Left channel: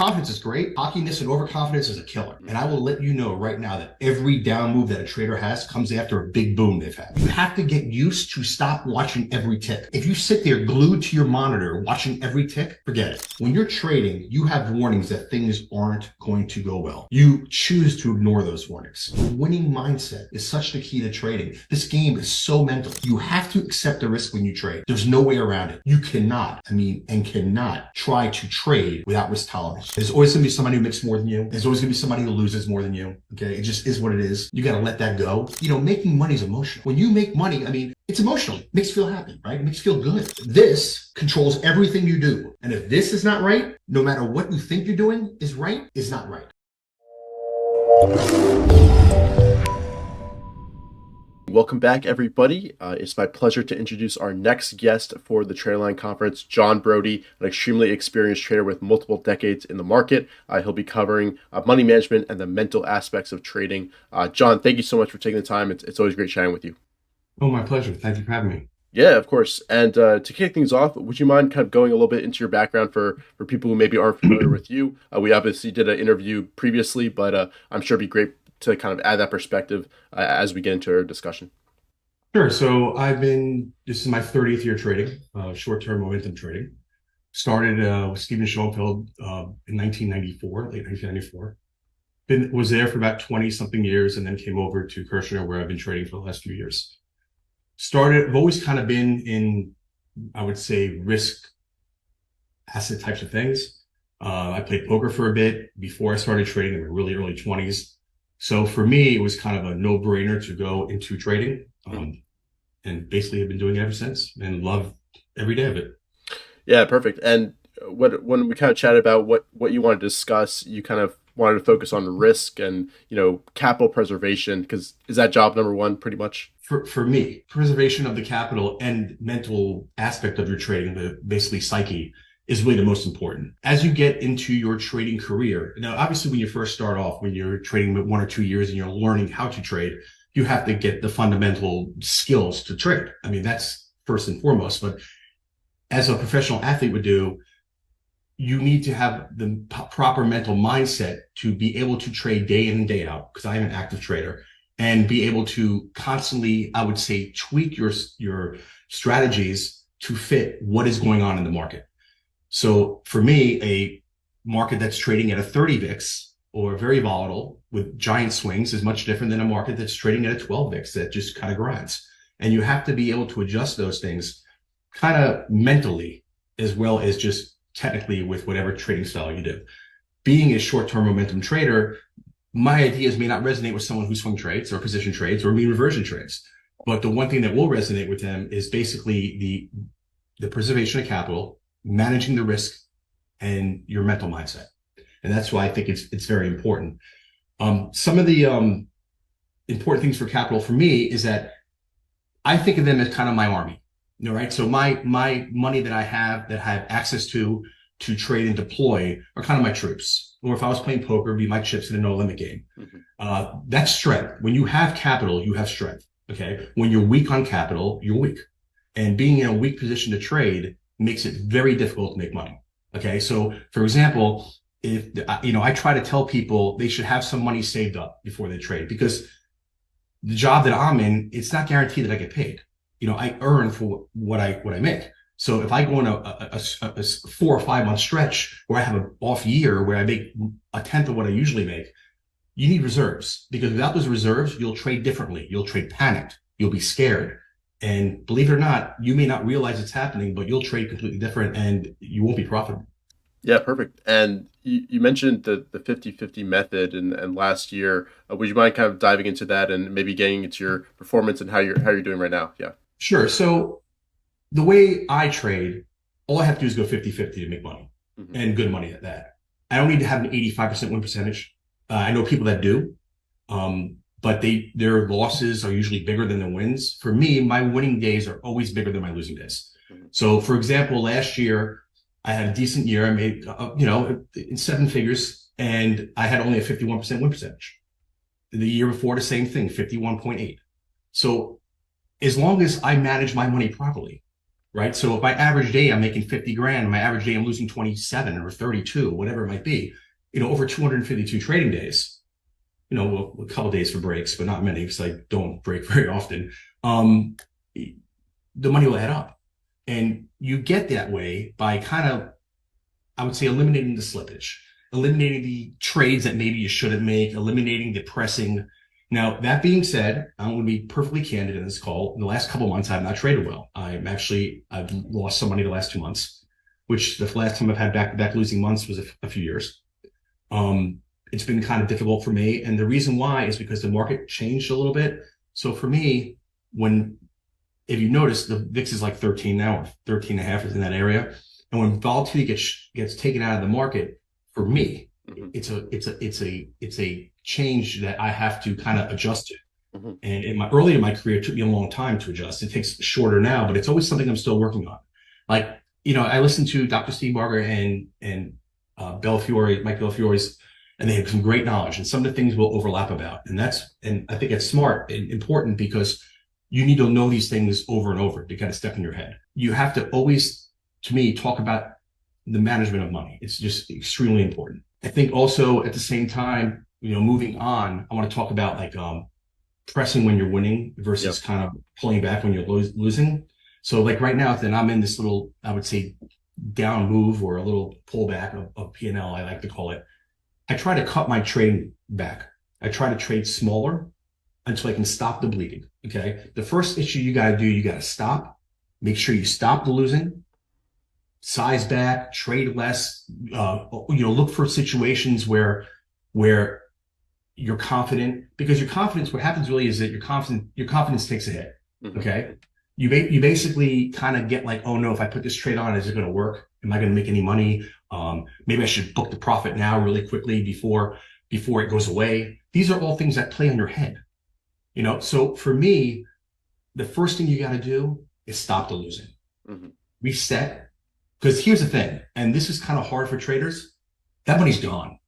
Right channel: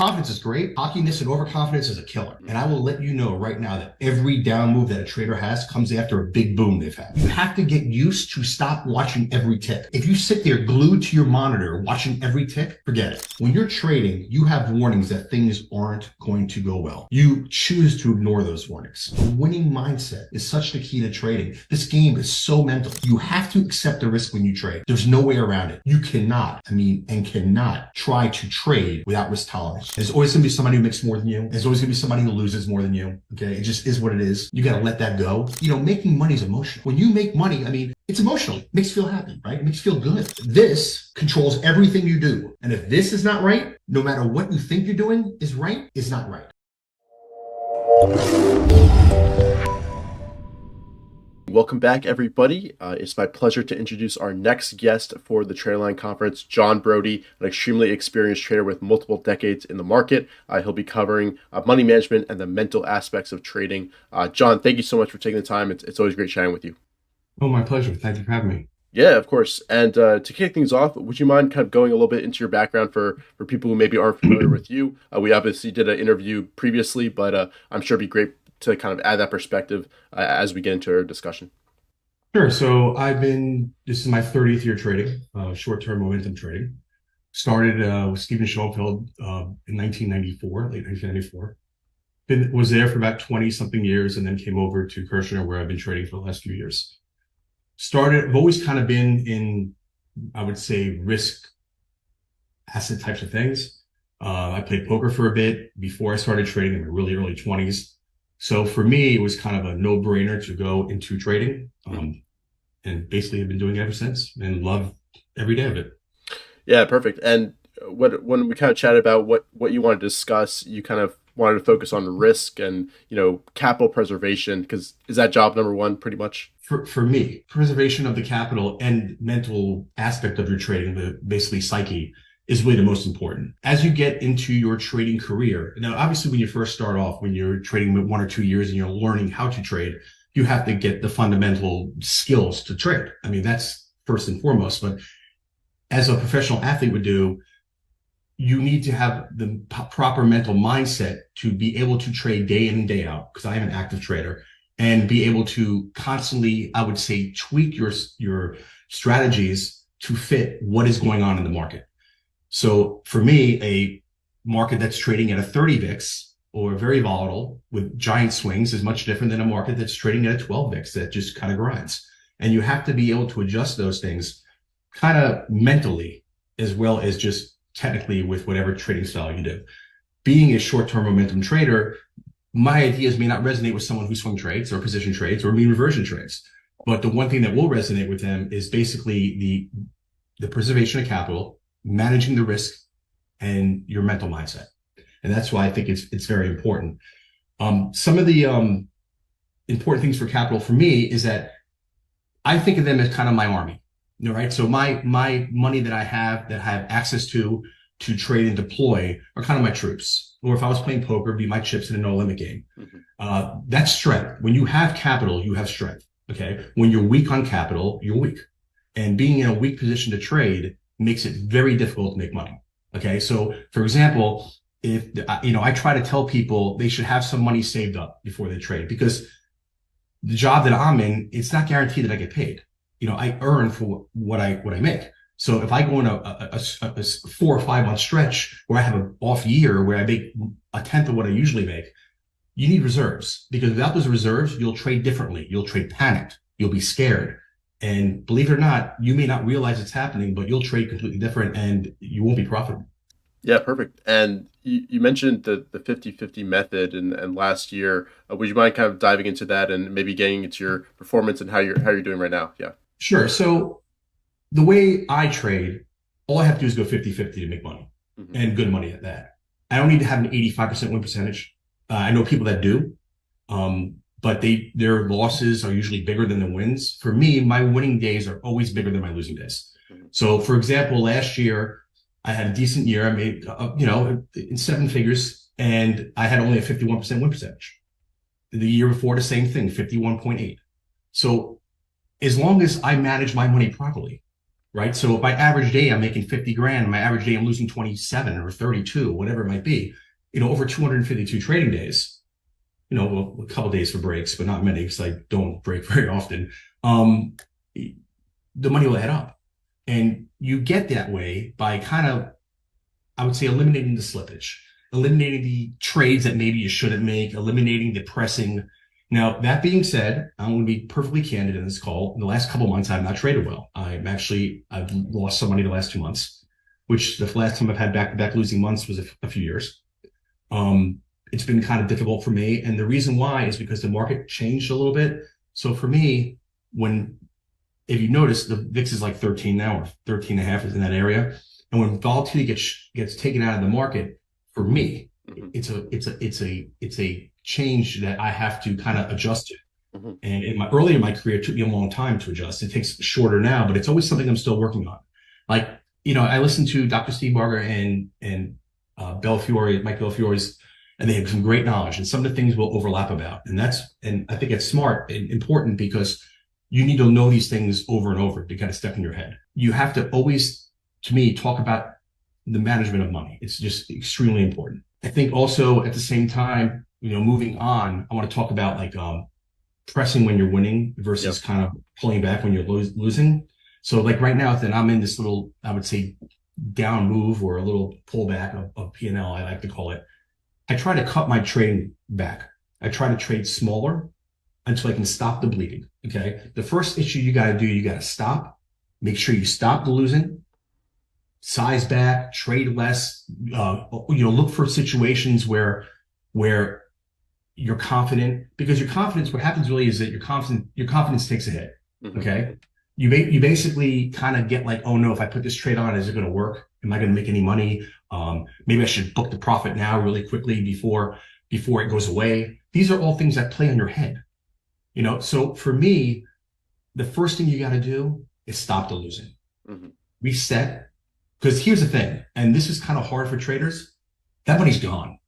confidence is great. Cockiness and overconfidence is a killer. And I will let you know right now that every down move that a trader has comes after a big boom they've had. You have to get used to stop watching every tick. If you sit there glued to your monitor watching every tick, forget it. When you're trading, you have warnings that things aren't going to go well. You choose to ignore those warnings. Winning mindset is such the key to trading. This game is so mental. You have to accept the risk when you trade. There's no way around it. You cannot try to trade without risk tolerance. There's always going to be somebody who makes more than you. There's always going to be somebody who loses more than you. Okay. It just is what it is. You got to let that go. Making money is emotional. When you make money, it's emotional. It makes you feel happy, right? It makes you feel good. This controls everything you do. And if this is not right, no matter what you think you're doing is right, is not right. Welcome back, everybody. It's my pleasure to introduce our next guest for the TraderLion conference, John Brody, an extremely experienced trader with multiple decades in the market. He'll be covering money management and the mental aspects of trading. John, thank you so much for taking the time. It's always great chatting with you. Oh, my pleasure. Thank you for having me. Yeah, of course. And to kick things off, would you mind kind of going a little bit into your background for people who maybe aren't familiar with you? We obviously did an interview previously, but I'm sure it'd be great to kind of add that perspective as we get into our discussion. Sure. So this is my 30th year trading, short-term momentum trading. Started with Stephen Schoenfeld in 1994, late 1994. Was there for about 20 something years and then came over to Kirshner, where I've been trading for the last few years. I've always kind of been in, I would say, risk asset types of things. I played poker for a bit before I started trading in my really early 20s. So for me, it was kind of a no-brainer to go into trading, and basically have been doing it ever since and love every day of it. Yeah, perfect. And when we kind of chatted about what you wanted to discuss, you kind of wanted to focus on risk and, capital preservation, because is that job number one pretty much? For me, preservation of the capital and mental aspect of your trading, the basically psyche, is really the most important. As you get into your trading career, now, obviously, when you first start off, when you're trading with 1 or 2 years and you're learning how to trade, you have to get the fundamental skills to trade. That's first and foremost. But as a professional athlete would do, you need to have the proper mental mindset to be able to trade day in and day out, because I am an active trader, and be able to constantly, I would say, tweak your strategies to fit what is going on in the market. So for me, a market that's trading at a 30 VIX or very volatile with giant swings is much different than a market that's trading at a 12 VIX that just kind of grinds. And you have to be able to adjust those things kind of mentally as well as just technically with whatever trading style you do. Being a short-term momentum trader, my ideas may not resonate with someone who swing trades or position trades or mean reversion trades. But the one thing that will resonate with them is basically the preservation of capital, managing the risk, and your mental mindset. And that's why I think it's very important. Some of the important things for capital for me is that I think of them as kind of my army, right? So my money that I have access to trade and deploy are kind of my troops. Or if I was playing poker, it'd be my chips in a no limit game. That's strength. When you have capital, you have strength. Okay. When you're weak on capital, you're weak. And being in a weak position to trade makes it very difficult to make money. Okay. So for example, if I try to tell people they should have some money saved up before they trade, because the job that I'm in, it's not guaranteed that I get paid. I earn for what I make. So if I go on a 4 or 5 month stretch where I have an off year where I make a tenth of what I usually make, you need reserves, because without those reserves, you'll trade differently. You'll trade panicked. You'll be scared. And believe it or not, you may not realize it's happening, but you'll trade completely different and you won't be profitable. Yeah, perfect. And you mentioned the 50-50 method and last year. Would you mind kind of diving into that and maybe getting into your performance and how you're doing right now? Yeah. Sure. So the way I trade, all I have to do is go 50-50 to make money, and good money at that. I don't need to have an 85% win percentage. I know people that do, but their losses are usually bigger than the wins. For me, my winning days are always bigger than my losing days. So for example, last year, I had a decent year. I made, in 7 figures, and I had only a 51% win percentage. The year before, the same thing, 51.8. So as long as I manage my money properly, right? So if my average day I'm making 50 grand, my average day I'm losing 27 or 32, whatever it might be, over 252 trading days, well, a couple days for breaks, but not many because I don't break very often. Um, the money will add up. And you get that way by kind of, I would say, eliminating the slippage, eliminating the trades that maybe you shouldn't make, eliminating the pressing. Now, that being said, I'm going to be perfectly candid in this call. In the last couple of months, I've not traded well. I've lost some money the last 2 months, which the last time I've had back-to-back losing months was a few years. It's been kind of difficult for me. And the reason why is because the market changed a little bit. So for me, if you notice, the VIX is like 13 now, or 13 and a half is in that area. And when volatility gets taken out of the market, for me, it's a change that I have to kind of adjust to. And early in my career, it took me a long time to adjust. It takes shorter now, but it's always something I'm still working on. Like, I listened to Dr. Steve Barger and Mike Bellafiore's, and they have some great knowledge, and some of the things we'll overlap about. And I think it's smart and important because you need to know these things over and over to kind of step in your head. You have to always, to me, talk about the management of money. It's just extremely important. I think also at the same time, moving on, I want to talk about like pressing when you're winning versus kind of pulling back when you're losing. So like right now, then I'm in this little, I would say, down move or a little pullback of P&L, I like to call it. I try to cut my trading back. I try to trade smaller until I can stop the bleeding. Okay. The first issue you got to do, you got to stop, make sure you stop the losing, size back, trade less, look for situations where you're confident, because your confidence, what happens really is that your confidence takes a hit. Okay. You basically kind of get like, oh no, if I put this trade on, is it going to work? Am I going to make any money? Maybe I should book the profit now really quickly before it goes away. These are all things that play on your head. So for me, the first thing you got to do is stop the losing, reset. Because here's the thing, and this is kind of hard for traders, that money's gone.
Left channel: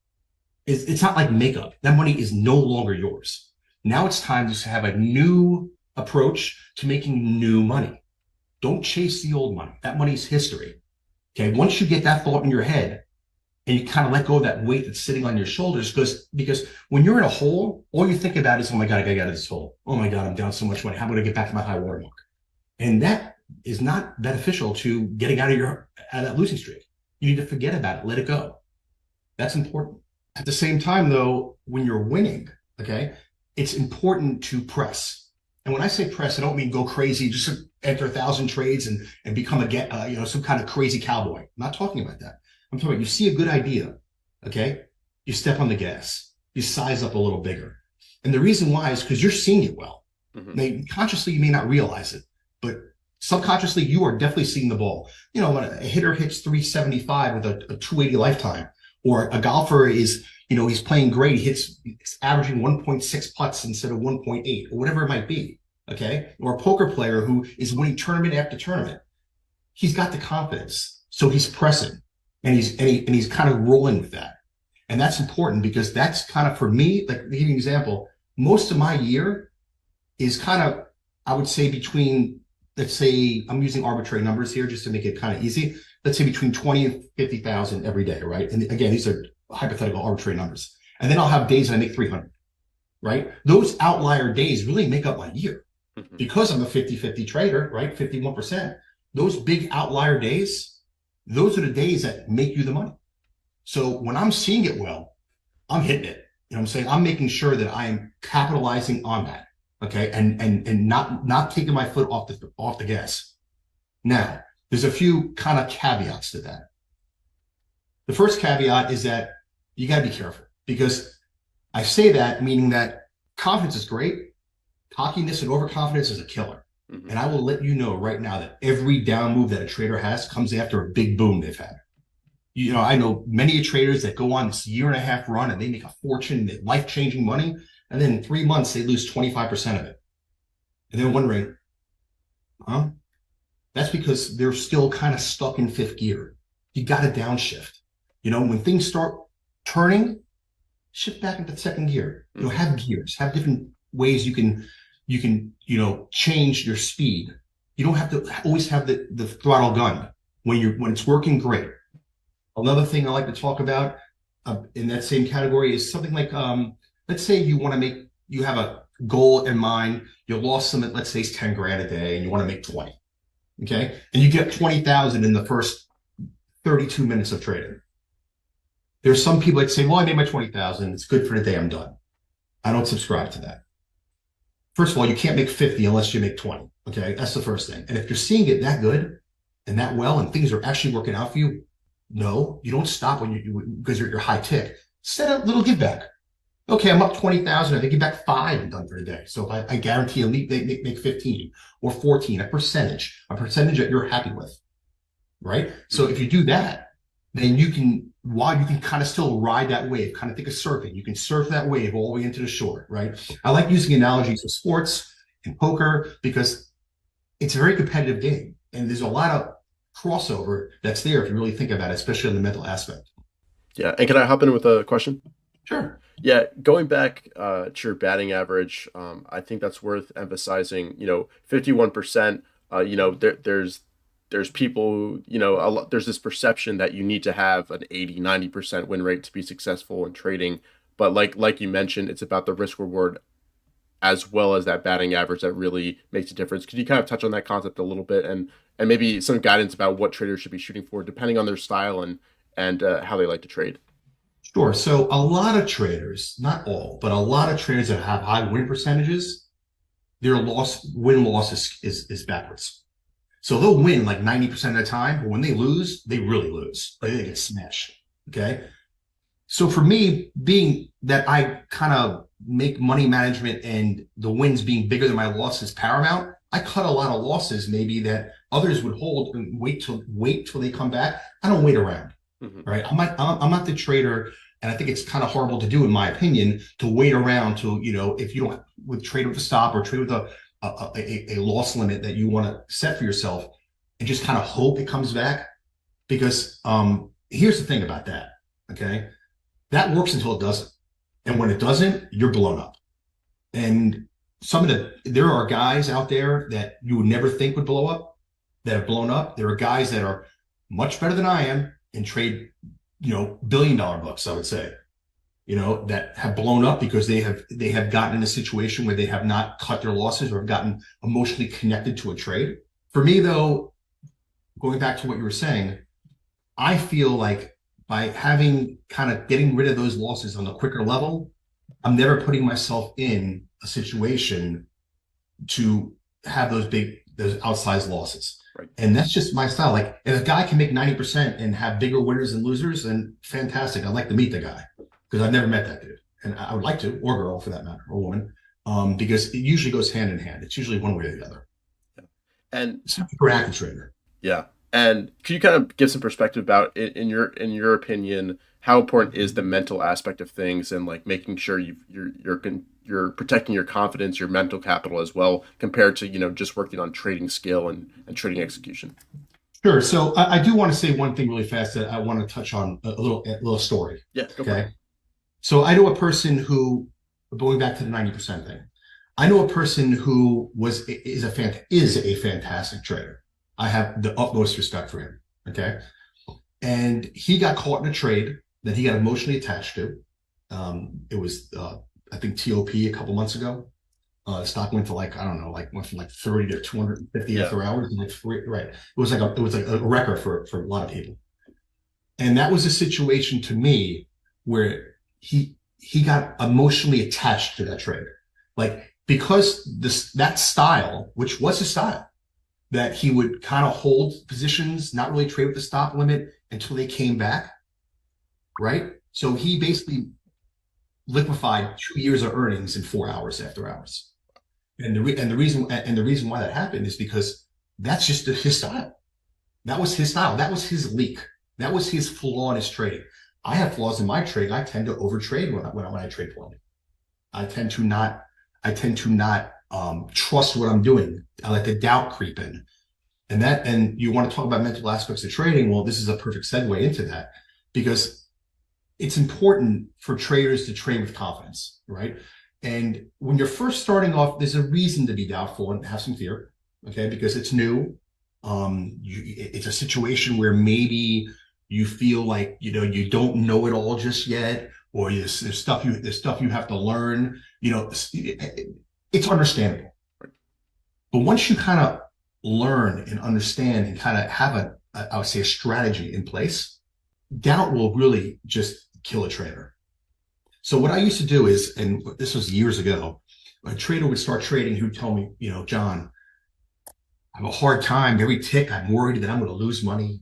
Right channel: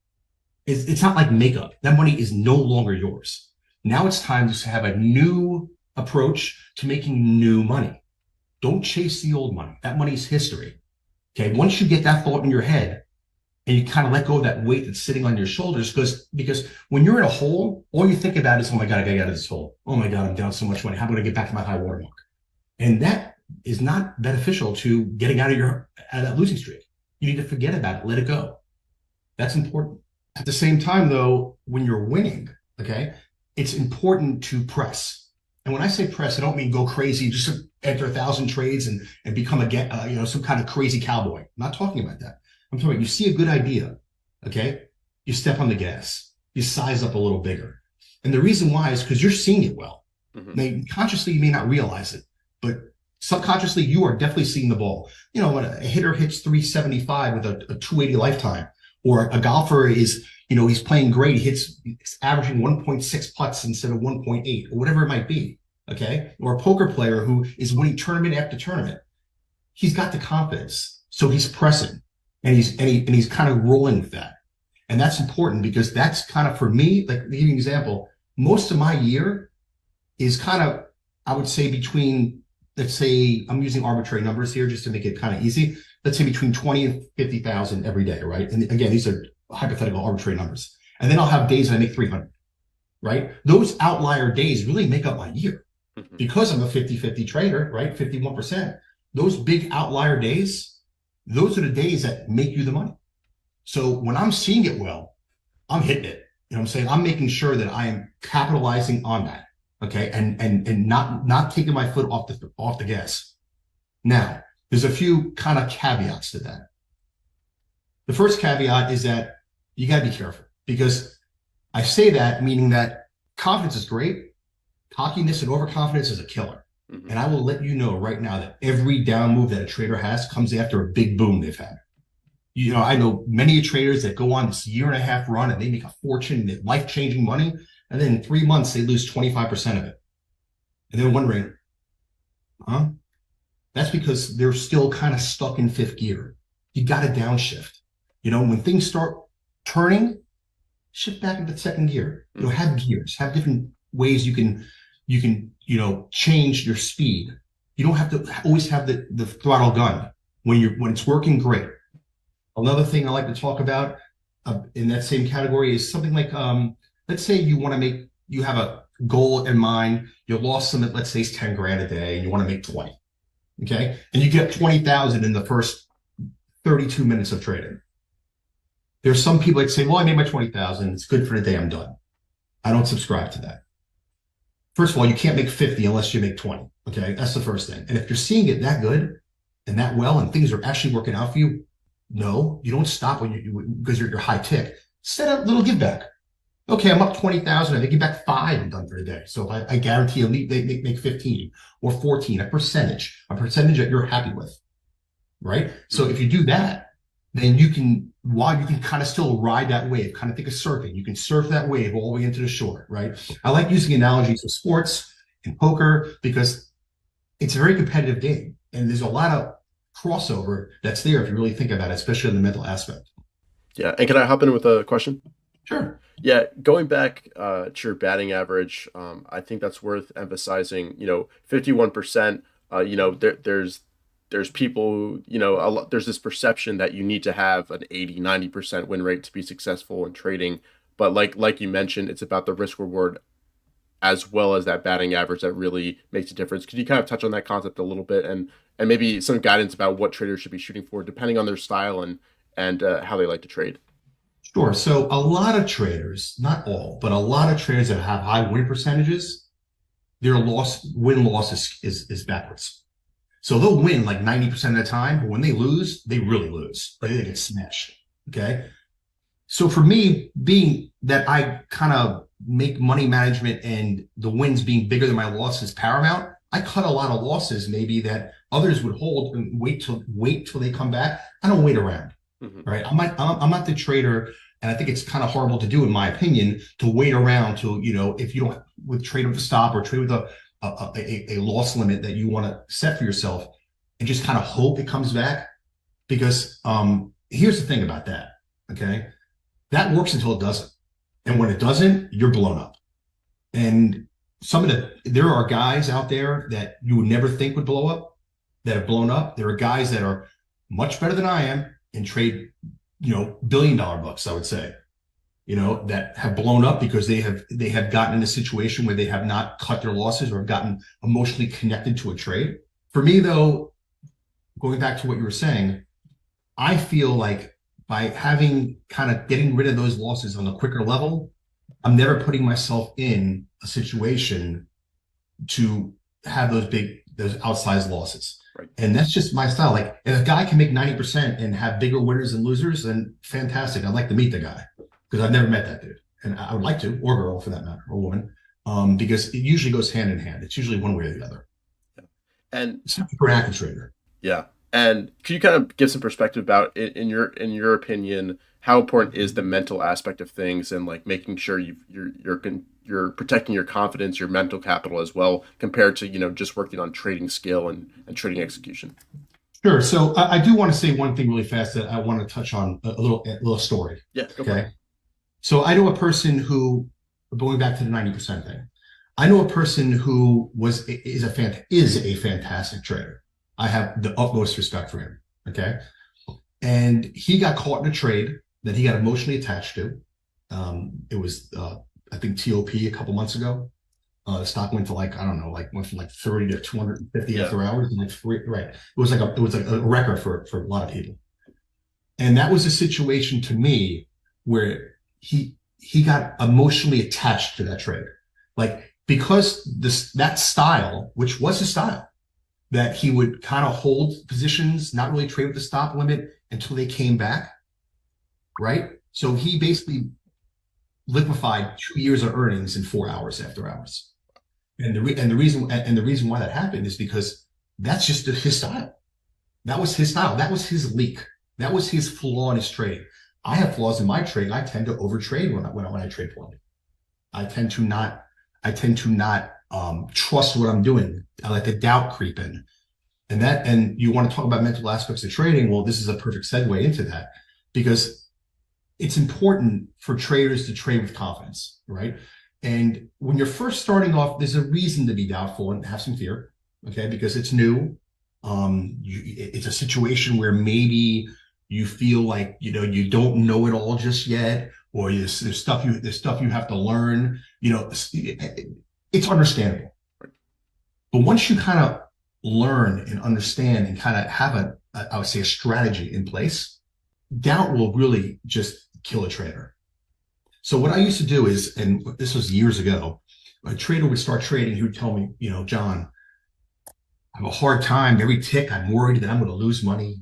It's not like makeup. That money is no longer yours. Now it's time to have a new approach to making new money. Don't chase the old money. That money's history. Okay. Once you get that thought in your head and you kind of let go of that weight that's sitting on your shoulders, because when you're in a hole, all you think about is, oh my God, I gotta get out of this hole. Oh my God, I'm down so much money. How am I gonna get back to my high water mark? And that is not beneficial to getting out of that losing streak. You need to forget about it, let it go. That's important. At the same time, though, when you're winning, okay, it's important to press. And when I say press, I don't mean go crazy, just enter 1,000 trades and become some kind of crazy cowboy. I'm not talking about that. I'm talking about you see a good idea, okay, you step on the gas, you size up a little bigger. And the reason why is because you're seeing it well. Consciously, you may not realize it, but subconsciously, you are definitely seeing the ball. When a hitter hits 375 with a 280 lifetime, or a golfer is, he's playing great, he's averaging 1.6 putts instead of 1.8, or whatever it might be, okay? Or a poker player who is winning tournament after tournament. He's got the confidence, so he's pressing, and he's kind of rolling with that. And that's important because that's kind of, for me, like, to give you an example, most of my year is kind of, I would say between, let's say, I'm using arbitrary numbers here just to make it kind of easy. Let's say between 20 and 50,000 every day, right? And again, these are hypothetical arbitrary numbers. And then I'll have days that I make 300, right? Those outlier days really make up my year because I'm a 50-50 trader, right? 51%. Those big outlier days, those are the days that make you the money. So when I'm seeing it well, I'm hitting it. You know what I'm saying? I'm making sure that I am capitalizing on that. Okay. And not taking my foot off the gas. Now, there's a few kind of caveats to that. The first caveat is that you got to be careful, because I say that meaning that confidence is great. Cockiness and overconfidence is a killer. And I will let you know right now that every down move that a trader has comes after a big boom they've had. I know many traders that go on this 1.5 year run and they make a fortune, they life-changing money. And then in 3 months, they lose 25% of it. And they're wondering, that's because they're still kind of stuck in 5th gear. You got to downshift. When things start turning, shift back into 2nd gear. Have gears, have different ways you can change your speed You don't have to always have the throttle gun when it's working great. Another thing I like to talk about in that same category is something like, let's say you have a goal in mind, your loss limit, let's say is 10 grand a day and you want to make 20. Okay. And you get 20,000 in the first 32 minutes of trading. There's some people that say, well, I made my 20,000. It's good for the day. I'm done. I don't subscribe to that. First of all, you can't make 50 unless you make 20. Okay. That's the first thing. And if you're seeing it that good and that well, and things are actually working out for you, no, you don't stop because you're high tick. Set a little give back. Okay, I'm up 20,000. I give back 5 and done for the day. So I guarantee they make 15 or 14, a percentage that you're happy with, right? So if you do that, then you can kind of still ride that wave, kind of think of surfing. You can surf that wave all the way into the shore, right? I like using analogies with sports and poker because it's a very competitive game. And there's a lot of crossover that's there if you really think about it, especially in the mental aspect. Yeah. And can I hop in with a question? Sure. Yeah, going back to your batting average, I think that's worth emphasizing. 51%. There's people, there's this perception that you need to have an 80-90% win rate to be successful in trading. But like you mentioned, it's about the risk reward as well as that batting average that really makes a difference. Could you kind of touch on that concept a little bit and maybe some guidance about what traders should be shooting for depending on their style and how they like to trade? Sure. So a lot of traders, not all, but a lot of traders that have high win percentages, their win-loss is backwards. So they'll win like 90% of the time, but when they lose, they really lose. They get smashed. Okay. So for me, being that I kind of make money management and the wins being bigger than my losses paramount, I cut a lot of losses maybe that others would hold and wait till they come back. I don't wait around. Mm-hmm. Right. I'm not the trader. And I think it's kind of horrible to do, in my opinion, to wait around to, if you don't trade with a stop or trade with a loss limit that you want to set for yourself and just kind of hope it comes back. Because here's the thing about that. Okay. That works until it doesn't. And when it doesn't, you're blown up. And there are guys out there that you would never think would blow up that have blown up. There are guys that are much better than I am and trade, $1 billion bucks, I would say, that have blown up because they have gotten in a situation where they have not cut their losses or have gotten emotionally connected to a trade. For me, though, going back to what you were saying, I feel like by getting rid of those losses on a quicker level, I'm never putting myself in a situation to have those outsized losses. Right. And that's just my style. Like if a guy can make 90% and have bigger winners and losers, then fantastic. I'd like to meet the guy because I've never met that dude. And I would like to, or girl for that matter, or woman, because it usually goes hand in hand. It's usually one way or the other. Yeah. And it's not for an active trader. Yeah. And could you kind of give some perspective about in your opinion, how important is the mental aspect of things and like making sure you're protecting your confidence, your mental capital as well, compared to, just working on trading skill and trading execution? Sure. So I do want to say one thing really fast that I want to touch on, a little story. Yeah. Go for it. So I know a person who, going back to the 90% thing, I know a person who is a fantastic trader. I have the utmost respect for him. Okay. And he got caught in a trade that he got emotionally attached to. It was, I think TOP a couple months ago. The stock went to went from 30 to 250 after hours. And right. It was like a record for a lot of people. And that was a situation to me where he got emotionally attached to that trade. Like, because that style, which was his style, that he would kind of hold positions, not really trade with the stop limit until they came back, right? So he basically liquefied 2 years of earnings in 4 hours after hours. And the reason why that happened is because that's just his style. That was his style. That was his leak. That was his flaw in his trading. I have flaws in my trading. I tend to overtrade when I trade blindly. I tend to not trust what I'm doing. I let the doubt creep in. And you want to talk about mental aspects of trading. Well, this is a perfect segue into that because it's important for traders to trade with confidence, right? And when you're first starting off, there's a reason to be doubtful and have some fear. okay, because it's new. It's a situation where maybe you feel like, you don't know it all just yet, or there's stuff you have to learn. It's understandable. But once you kind of learn and understand and kind of have I would say, a strategy in place, doubt will really just kill a trader. So what I used to do is, and this was years ago, a trader would start trading. He would tell me, John, I have a hard time. Every tick, I'm worried that I'm going to lose money.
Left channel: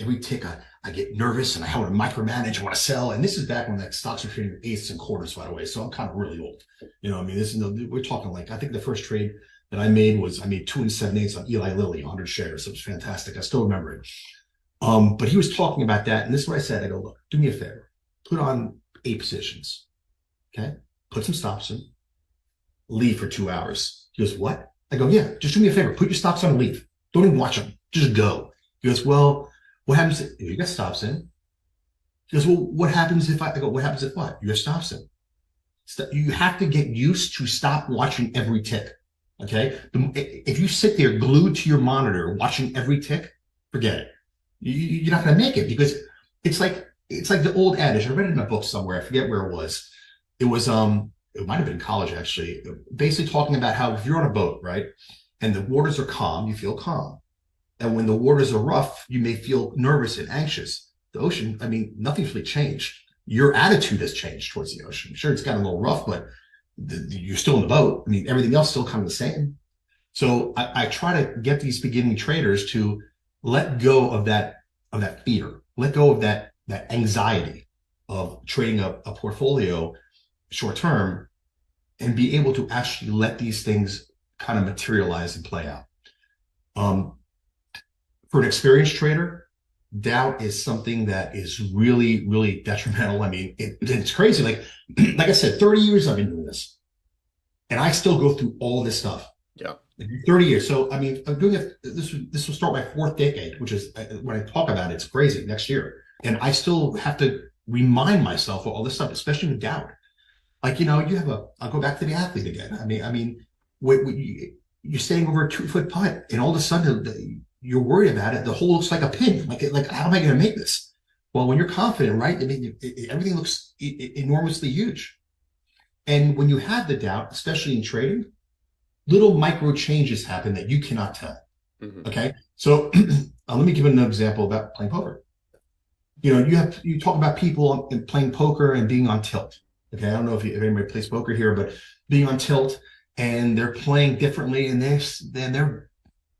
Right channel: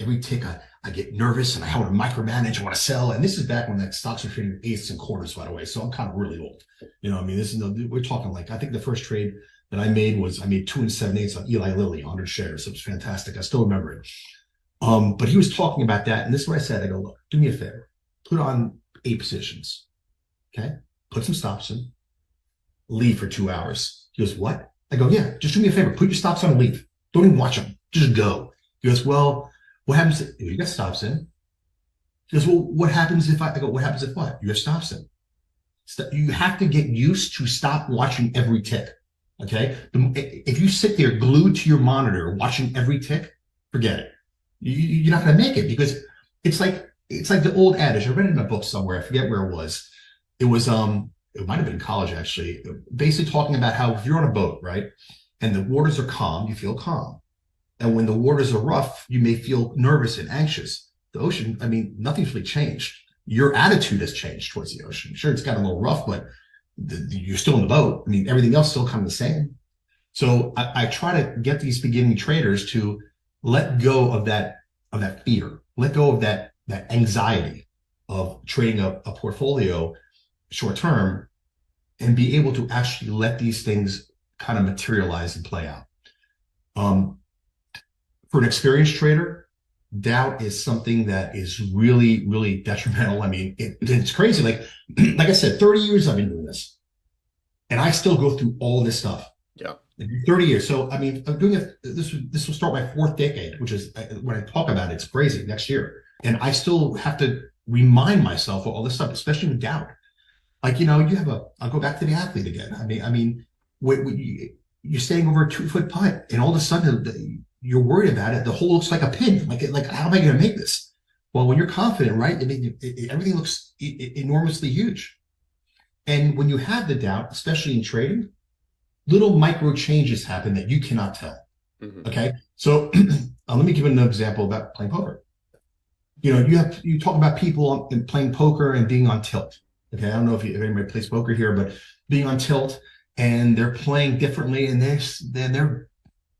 Every tick, I get nervous and I want to micromanage. I want to sell. And this is back when stocks were trading eighths and quarters, by the way. So I'm kind of really old. We're talking I think the first trade that I made 2 7/8 on Eli Lilly, 100 shares. It was fantastic. I still remember it. But he was talking about that. And this is what I said. I go, look, do me a favor. Put on 8 positions. Okay. Put some stops in. Leave for 2 hours. He goes, what? I go, yeah, just do me a favor. Put your stops on and leave. Don't even watch them. Just go. He goes, well, what happens if you got stops in? He goes, well, what happens if I go, what happens if what? You have stops in. You have to get used to stop watching every tick. Okay. If you sit there glued to your monitor watching every tick, forget it. You're not going to make it, because it's like the old adage. I read it in a book somewhere. I forget where it was. It was, it might have been college, actually, basically talking about how if you're on a boat, right, and the waters are calm, you feel calm. And when the waters are rough, you may feel nervous and anxious. The ocean, nothing's really changed. Your attitude has changed towards the ocean. Sure, it's got a little rough, but you're still in the boat. Everything else still kind of the same. So I try to get these beginning traders to let go of that fear, let go of that anxiety of trading a portfolio short term, and be able to actually let these things kind of materialize and play out. For an experienced trader, doubt is something that is really, really detrimental. It's crazy. Like I said, 30 years I've been doing this, and I still go through all this stuff. Yeah. 30 years. So, I'm doing it. This will start my 4th decade, which is, when I talk about it, it's crazy, next year. And I still have to remind myself of all this stuff, especially with doubt. I'll go back to the athlete again. You're staying over a 2-foot putt, and all of a sudden you're worried about it. The hole looks like a pin. Like how am I going to make this? Well, when you're confident, right? Everything looks enormously huge. And when you have the doubt, especially in trading, little micro changes happen that you cannot tell. Mm-hmm. Okay. So let me give an example about playing poker. You talk about people playing poker and being on tilt. Okay, I don't know if anybody plays poker here, but being on tilt and they're playing differently, and then they're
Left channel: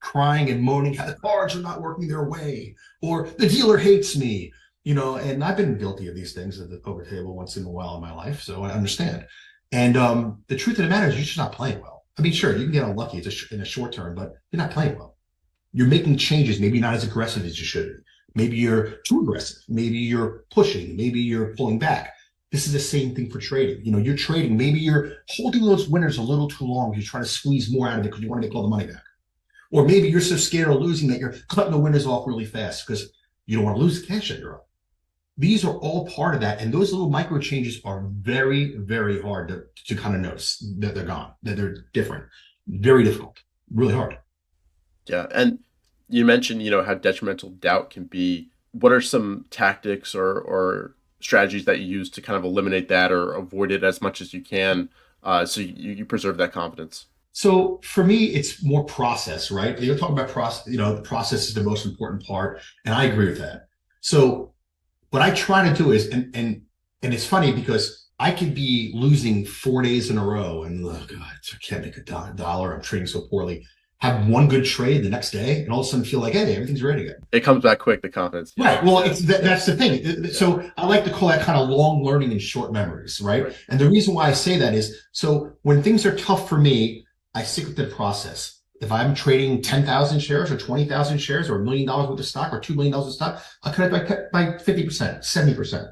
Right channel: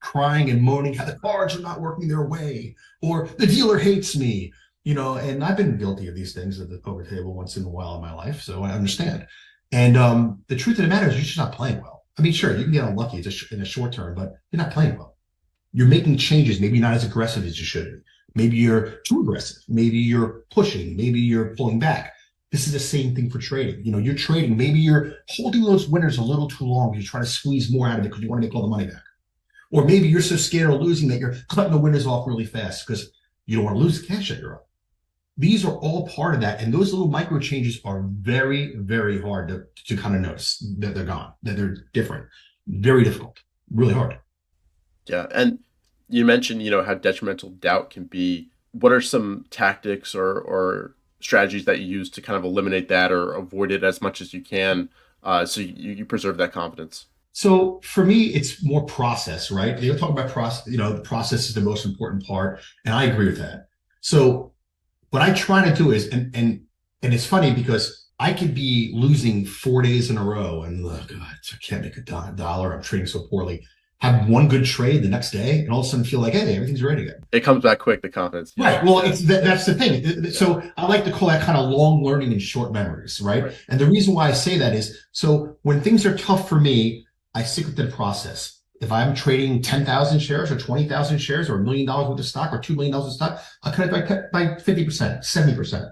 crying and moaning how the cards are not working their way, or the dealer hates me, and I've been guilty of these things at the poker table once in a while in my life, so I understand. And the truth of the matter is, you're just not playing well. Sure, you can get unlucky in a short term, but you're not playing well. You're making changes, maybe not as aggressive as you should be. Maybe you're too aggressive. Maybe you're pushing. Maybe you're pulling back. This is the same thing for trading. You're trading. Maybe you're holding those winners a little too long. You're trying to squeeze more out of it because you want to make all the money back. Or maybe you're so scared of losing that you're cutting the winners off really fast because you don't want to lose the cash that you're up. These are all part of that. And those little micro changes are very, very hard to kind of notice that they're gone, that they're different. Very difficult, really hard. Yeah. And you mentioned, how detrimental doubt can be. What are some tactics or strategies that you use to kind of eliminate that or avoid it as much as you can, so you preserve that confidence? So for me, it's more process, right? You're talking about process, the process is the most important part. And I agree with that. So what I try to do is, and it's funny because I could be losing 4 days in a row and, oh God, I can't make a dollar. I'm trading so poorly. Have one good trade the next day and all of a sudden feel like, hey, everything's great again. It comes back quick, the confidence. Yeah. Right. Well, that's the thing. So I like to call that kind of long learning and short memories, right? And the reason why I say that is, so when things are tough for me, I stick with the process. If I'm trading 10,000 shares or 20,000 shares or $1 million worth of stock or $2 million of stock, I'll cut it by 50%, 70%,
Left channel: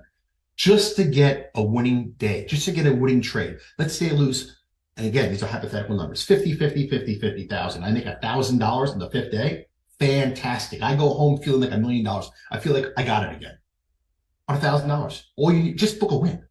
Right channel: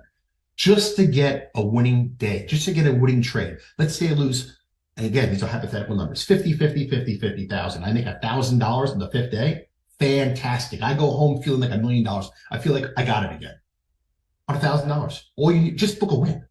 just to get a winning day, just to get a winning trade. Let's say I lose. And again, these are hypothetical numbers, 50,000. I make $1,000 on the 5th day. Fantastic. I go home feeling like $1 million. I feel like I got it again on $1,000. All you need, just book a win.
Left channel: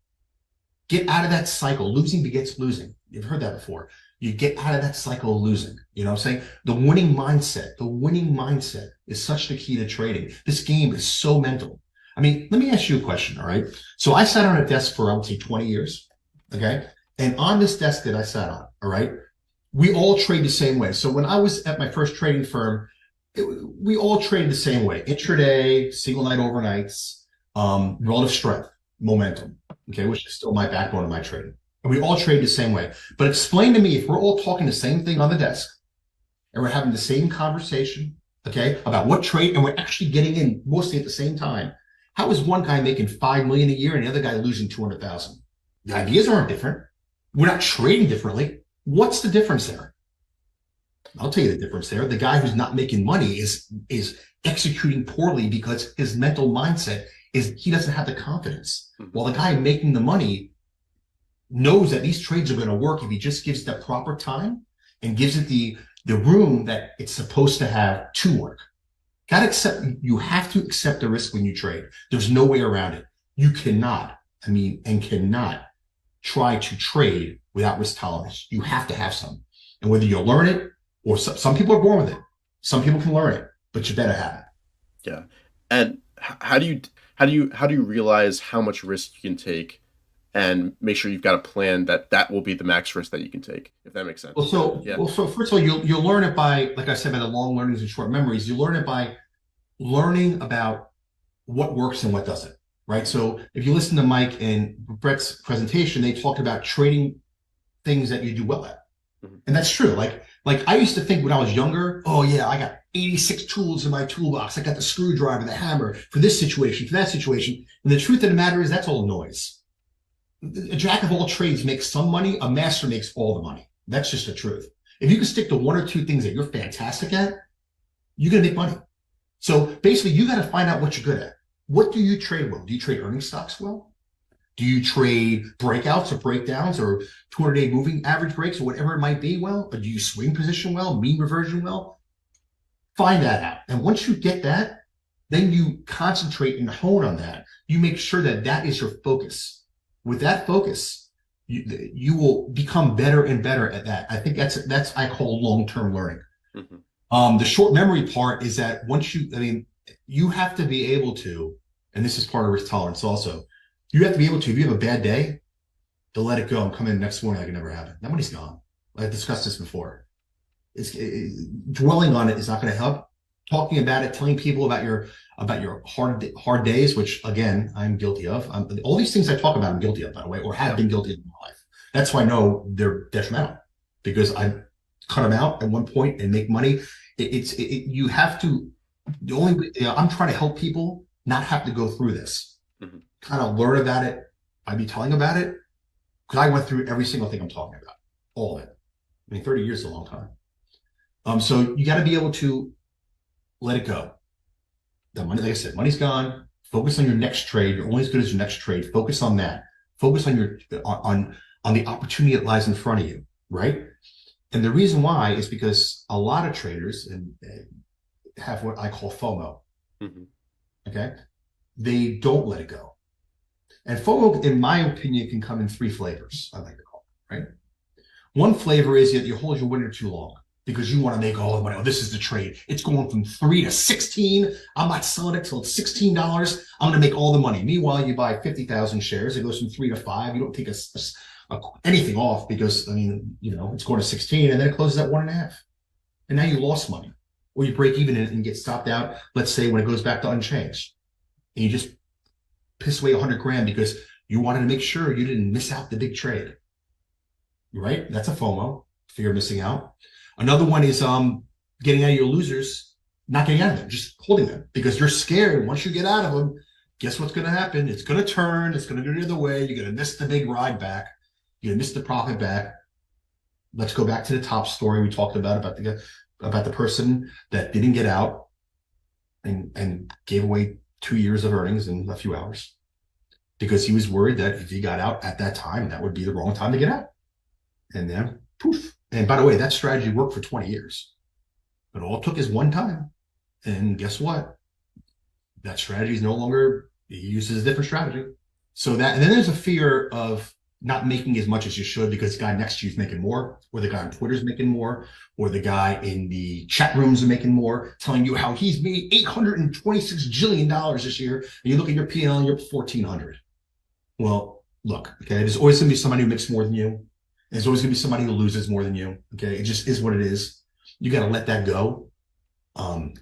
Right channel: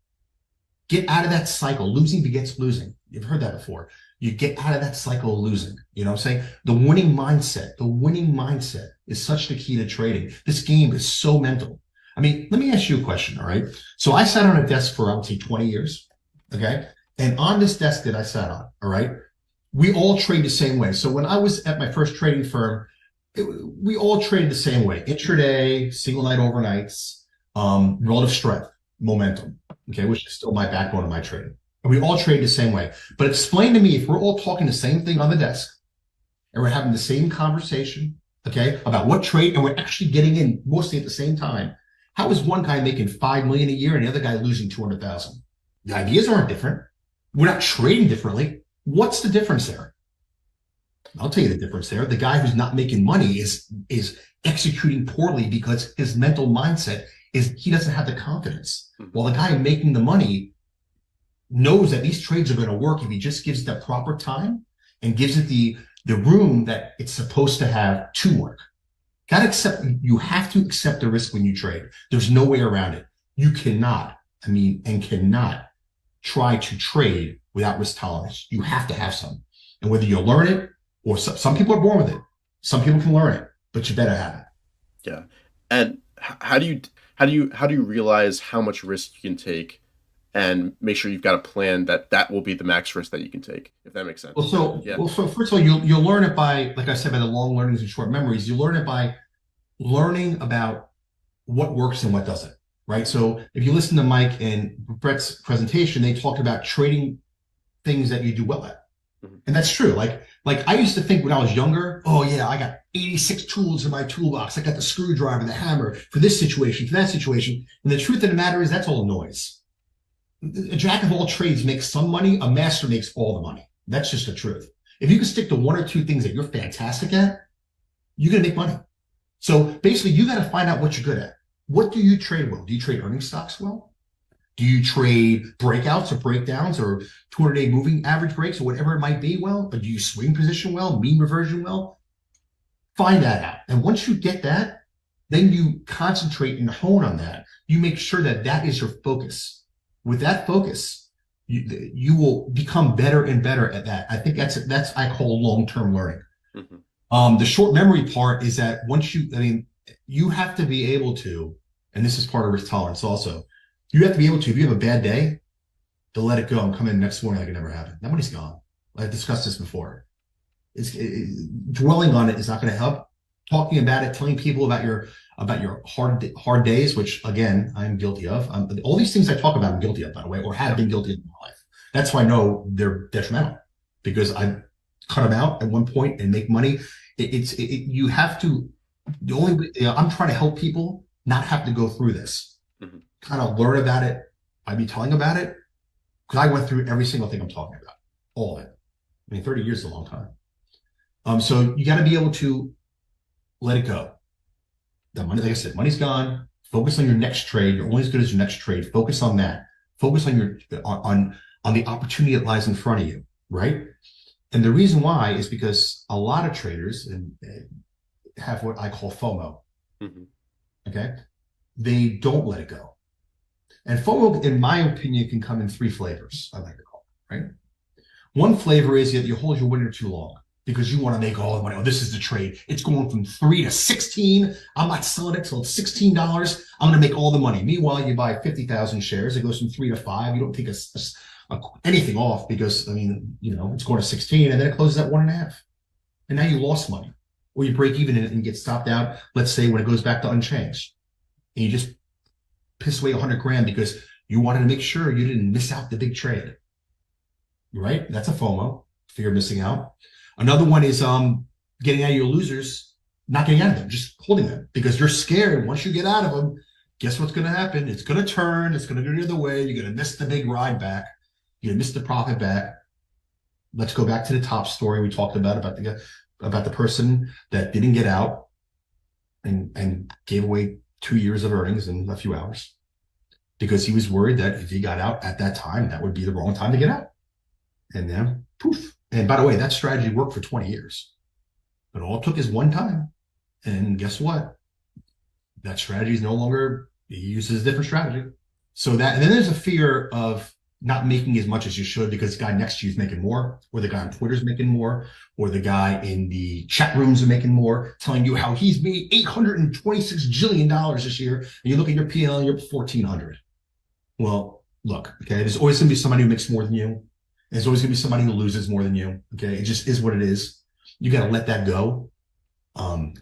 Get out of that cycle. Losing begets losing. You've heard that before. You get out of that cycle of losing. You know what I'm saying? The winning mindset is such the key to trading. This game is so mental. I mean, let me ask you a question, all right? So I sat on a desk for, I would say, 20 years, okay? And on this desk that I sat on, all right, we all trade the same way. So when I was at my first trading firm, we all traded the same way. Intraday, single night overnights, relative strength, momentum, okay, which is still my backbone of my trading. And we all trade the same way. But explain to me, if we're all talking the same thing on the desk and we're having the same conversation, okay, about what trade, and we're actually getting in mostly at the same time, how is one guy making 5 million a year and the other guy losing 200,000? The ideas aren't different. We're not trading differently. What's the difference there? I'll tell you the difference there. The guy who's not making money is executing poorly because his mental mindset is he doesn't have the confidence. While the guy making the money knows that these trades are going to work if he just gives it the proper time and gives it the room that it's supposed to have to work. You have to accept the risk when you trade. There's no way around it. You cannot try to trade without risk tolerance. You have to have some. And whether you learn it, or some people are born with it. Some people can learn it, but you better have it. Yeah. And how do you realize how much risk you can take and make sure you've got a plan that will be the max risk that you can take, if that makes sense? So first of all, you'll learn it by, like I said, by the long learnings and short memories. You learn it by learning about what works and what doesn't, right? So if you listen to Mike and Brett's presentation, they talked about trading things that you do well at. And that's true. Like I used to think when I was younger, oh yeah, I got 86 tools in my toolbox. I got the screwdriver, the hammer for this situation, for that situation. And the truth of the matter is that's all noise. A jack of all trades makes some money. A master makes all the money. That's just the truth. If you can stick to one or two things that you're fantastic at, you're going to make money. So basically you got to find out what you're good at. What do you trade well? Do you trade earning stocks well? Do you trade breakouts or breakdowns or 200-day moving average breaks or whatever it might be well? Or do you swing position well, mean reversion well? Find that out. And once you get that, then you concentrate and hone on that. You make sure that that is your focus. With that focus, you will become better and better at that. I think that's I call long-term learning. The short memory part is that you have to be able to, and this is part of risk tolerance also, you have to be able to, if you have a bad day, to let it go and come in next morning like it never happened. That money's gone. I discussed this before. Dwelling on it is not going to help. Talking about it, telling people about your hard days, which again I'm guilty of. All these things I talk about, I'm guilty of, by the way, or have been guilty of in my life. That's why I know they're detrimental, because I cut them out at one point and make money. You have to. I'm trying to help people not have to go through this. Kind of learn about it by me telling about it, because I went through every single thing I'm talking about, all of it. I mean, 30 years is a long time. So you got to be able to let it go. The money, like I said, money's gone. Focus on your next trade. You're only as good as your next trade. Focus on that. Focus on on the opportunity that lies in front of you, right? And the reason why is because a lot of traders have what I call FOMO. Okay, they don't let it go. And FOMO, in my opinion, can come in three flavors, I like to call it, right? One flavor is that you hold your winner too long because you want to make all the money. Oh, this is the trade. It's going from 3 to 16. I'm not selling it till it's $16. I'm going to make all the money. Meanwhile, you buy 50,000 shares. It goes from 3 to 5. You don't take anything off because, I mean, it's going to 16 and then it closes at 1.5. And now you lost money. Or you break even and get stopped out, let's say, when it goes back to unchanged. And you just piss away 100 grand because you wanted to make sure you didn't miss out the big trade, right? That's a FOMO, fear of missing out. Another one is getting out of your losers, not getting out of them, just holding them because you're scared. Once you get out of them, guess what's going to happen? It's going to turn. It's going to go the other way. You're going to miss the big ride back. You're going to miss the profit back. Let's go back to the top story we talked about the person that didn't get out and gave away 2 years of earnings in a few hours because he was worried that if he got out at that time, that would be the wrong time to get out. And then poof. And by the way, that strategy worked for 20 years. But all it took is one time. And guess what? That strategy is no longer, he uses a different strategy. So and then there's a fear of not making as much as you should because the guy next to you is making more, or the guy on Twitter is making more, or the guy in the chat rooms are making more, telling you how he's made $826 jillion this year, and you look at your P&L and you're 1,400. Well, look, okay, there's always going to be somebody who makes more than you. There's always going to be somebody who loses more than you. Okay, it just is what it is. You got to let that go.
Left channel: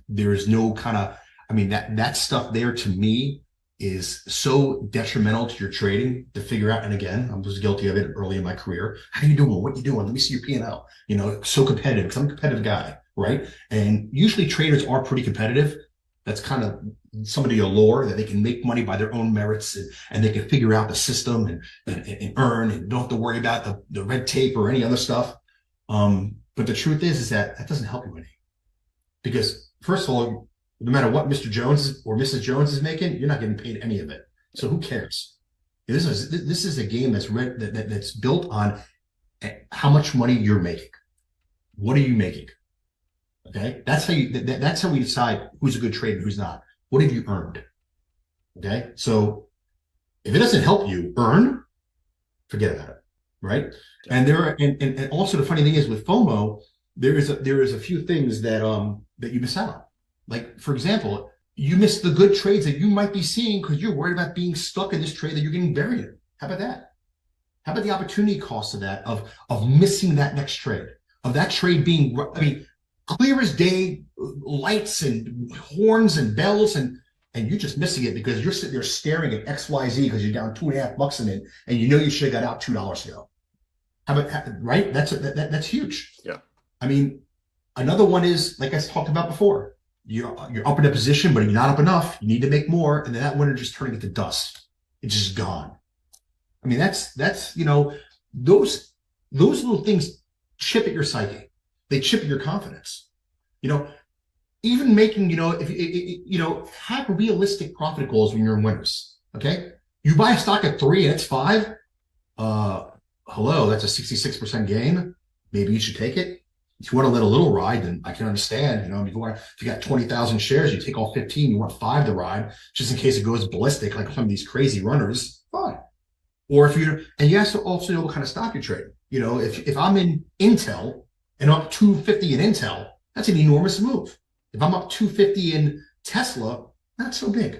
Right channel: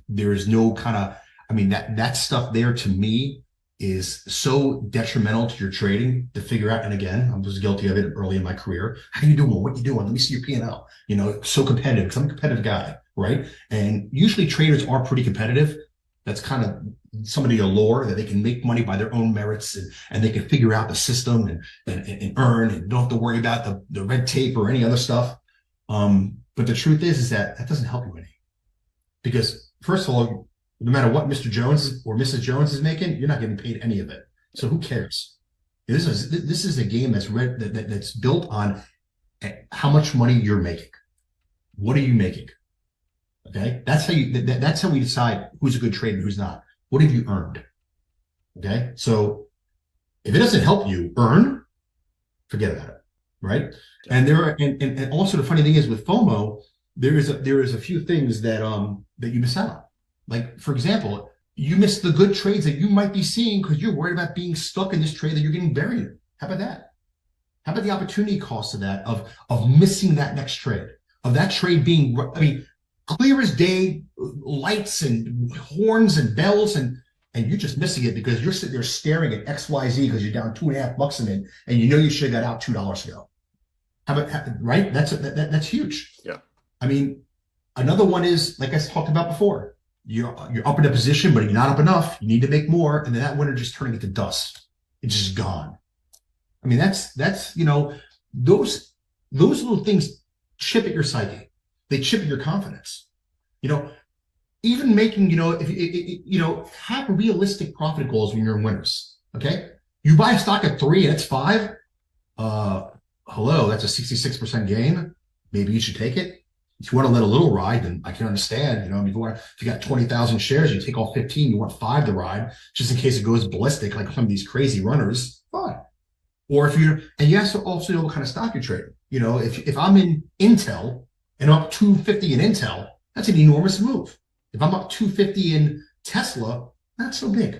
There is no kind of, I mean, that stuff there to me is so detrimental to your trading to figure out. And again, I was guilty of it early in my career. How you doing? What you doing? Let me see your P&L. You know, so competitive because I'm a competitive guy, right? And usually traders are pretty competitive. That's kind of somebody allure that they can make money by their own merits and they can figure out the system and earn and don't have to worry about the red tape or any other stuff. But the truth is that doesn't help you any. Because first of all, no matter what Mr. Jones or Mrs. Jones is making, you're not getting paid any of it. So who cares? This is a game that's built on how much money you're making. What are you making? Okay, that's how we decide who's a good trader and who's not. What have you earned? Okay, so if it doesn't help you earn, forget about it, right? And and also the funny thing is with FOMO, there is a few things that you miss out on. Like, for example, you miss the good trades that you might be seeing because you're worried about being stuck in this trade that you're getting buried in. How about that? How about the opportunity cost of that, of missing that next trade, of that trade being, I mean, clear as day, lights and horns and bells, and you're just missing it because you're sitting there staring at XYZ because you're down $2.50 in it, and you know you should have got out $2 ago. How about, right? That's huge. Yeah. I mean, another one is, like I talked about before, you're up in a position, but you're not up enough. You need to make more, and then that winner just turning into dust. It's just gone. I mean, that's you know, those little things chip at your psyche. They chip at your confidence. You know, even making, you know, if you know, have realistic profit goals when you're in winners. Okay, you buy a stock at 3 and it's 5. Hello, that's a 66% gain. Maybe you should take it. If you want to let a little ride, then I can understand. You know, if you got 20,000 shares, you take all 15, you want 5 to ride, just in case it goes ballistic, like some of these crazy runners. Fine. Or if and you have to also know what kind of stock you're trading. You know, if I'm in Intel and I'm up 250 in Intel, that's an enormous move. If I'm up 250 in Tesla, not so big.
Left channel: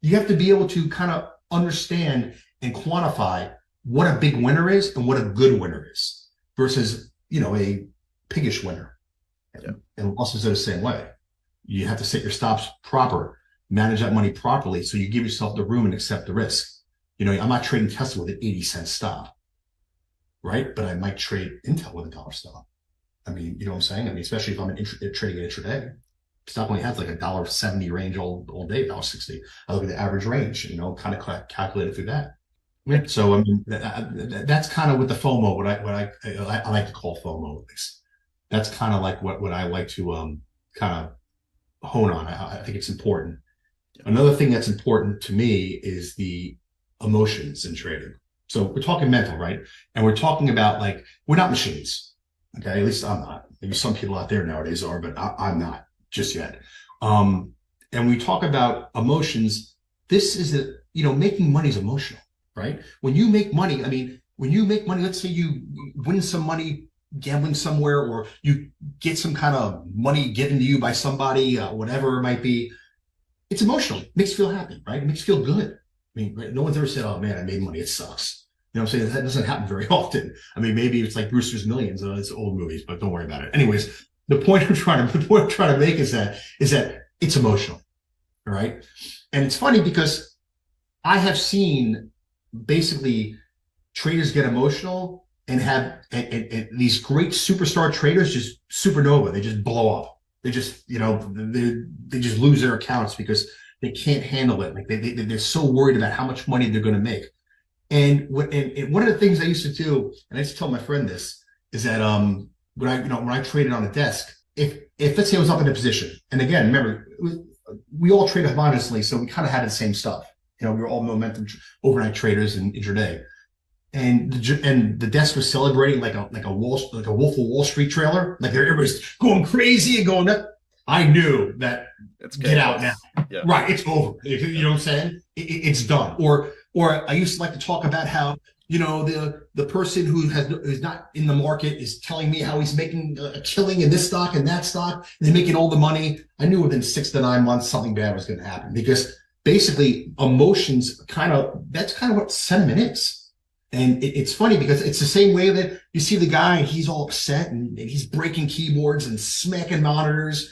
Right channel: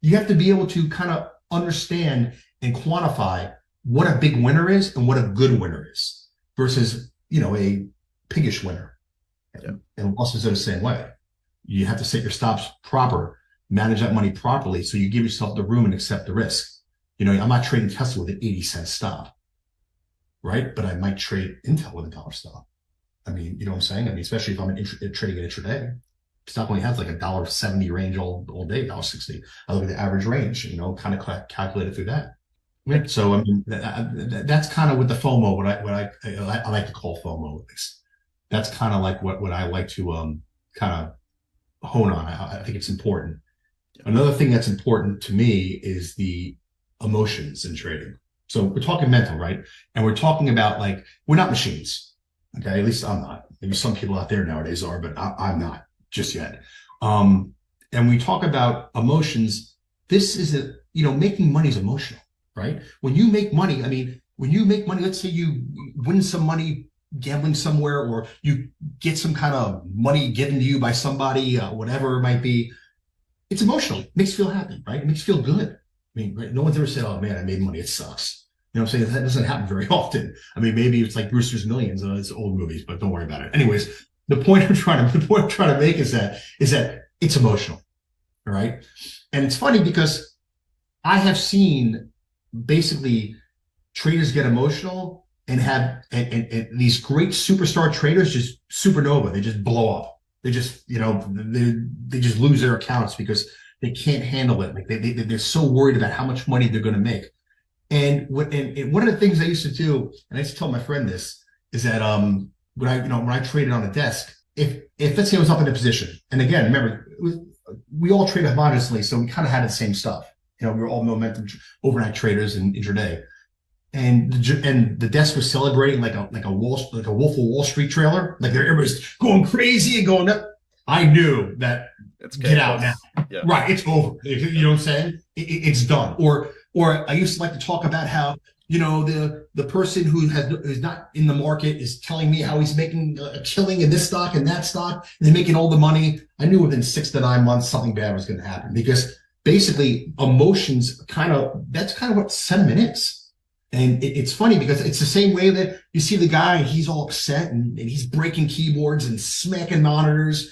You have to be able to kind of understand and quantify what a big winner is and what a good winner is versus, you know, a piggish winner. Yeah. And losses are the same way. You have to set your stops proper, manage that money properly, so you give yourself the room and accept the risk. You know, I'm not trading Tesla with an 80-cent stop, right? But I might trade Intel with a $1 stop. I mean, you know what I'm saying? I mean, especially if I'm trading it intraday. Stock only has like a $1.70 range all day, $1.60. I look at the average range, you know, kind of calculate it through that. Right? So I mean, that's kind of with the FOMO, what I like to call FOMO at least. That's kind of like what I like to kind of hone on. I think it's important. Another thing that's important to me is the emotions in trading. So we're talking mental, right? And we're talking about, like, we're not machines. Okay, at least I'm not. Maybe some people out there nowadays are, but I'm not just yet. And we talk about emotions. This is you know, making money is emotional, right? When you make money, I mean, when you make money, let's say you win some money gambling somewhere, or you get some kind of money given to you by somebody, whatever it might be, it's emotional. It makes you feel happy, right? It makes you feel good. I mean, no one's ever said, oh man, I made money, it sucks. You know what I'm saying? That doesn't happen very often. I mean, maybe it's like Brewster's Millions. It's old movies, but don't worry about it. Anyways, the point I'm trying to make is that it's emotional. All right. And it's funny because I have seen basically traders get emotional and have and these great superstar traders just supernova. They just blow up. They just, you know, they just lose their accounts because they can't handle it. Like they're so worried about how much money they're going to make. And one of the things I used to do, and I used to tell my friend this, is that when I traded on the desk, if let's say I was up in a position, and again, remember, we all traded modestly, so we kind of had the same stuff. You know, we were all momentum overnight traders and intraday, and the desk was celebrating like a Wolf of Wall Street trailer, like everybody's going crazy and going up. I knew that get out now, yeah. Right? It's over. You know what I'm saying? It's done. Or Or I used to like to talk about how, the person who's not in the market is telling me how he's making a killing in this stock and that stock, and they're making all the money. I knew within 6 to 9 months something bad was going to happen, because basically emotions that's kind of what sentiment is. And it's funny because it's the same way that you see the guy and he's all upset and he's breaking keyboards and smacking monitors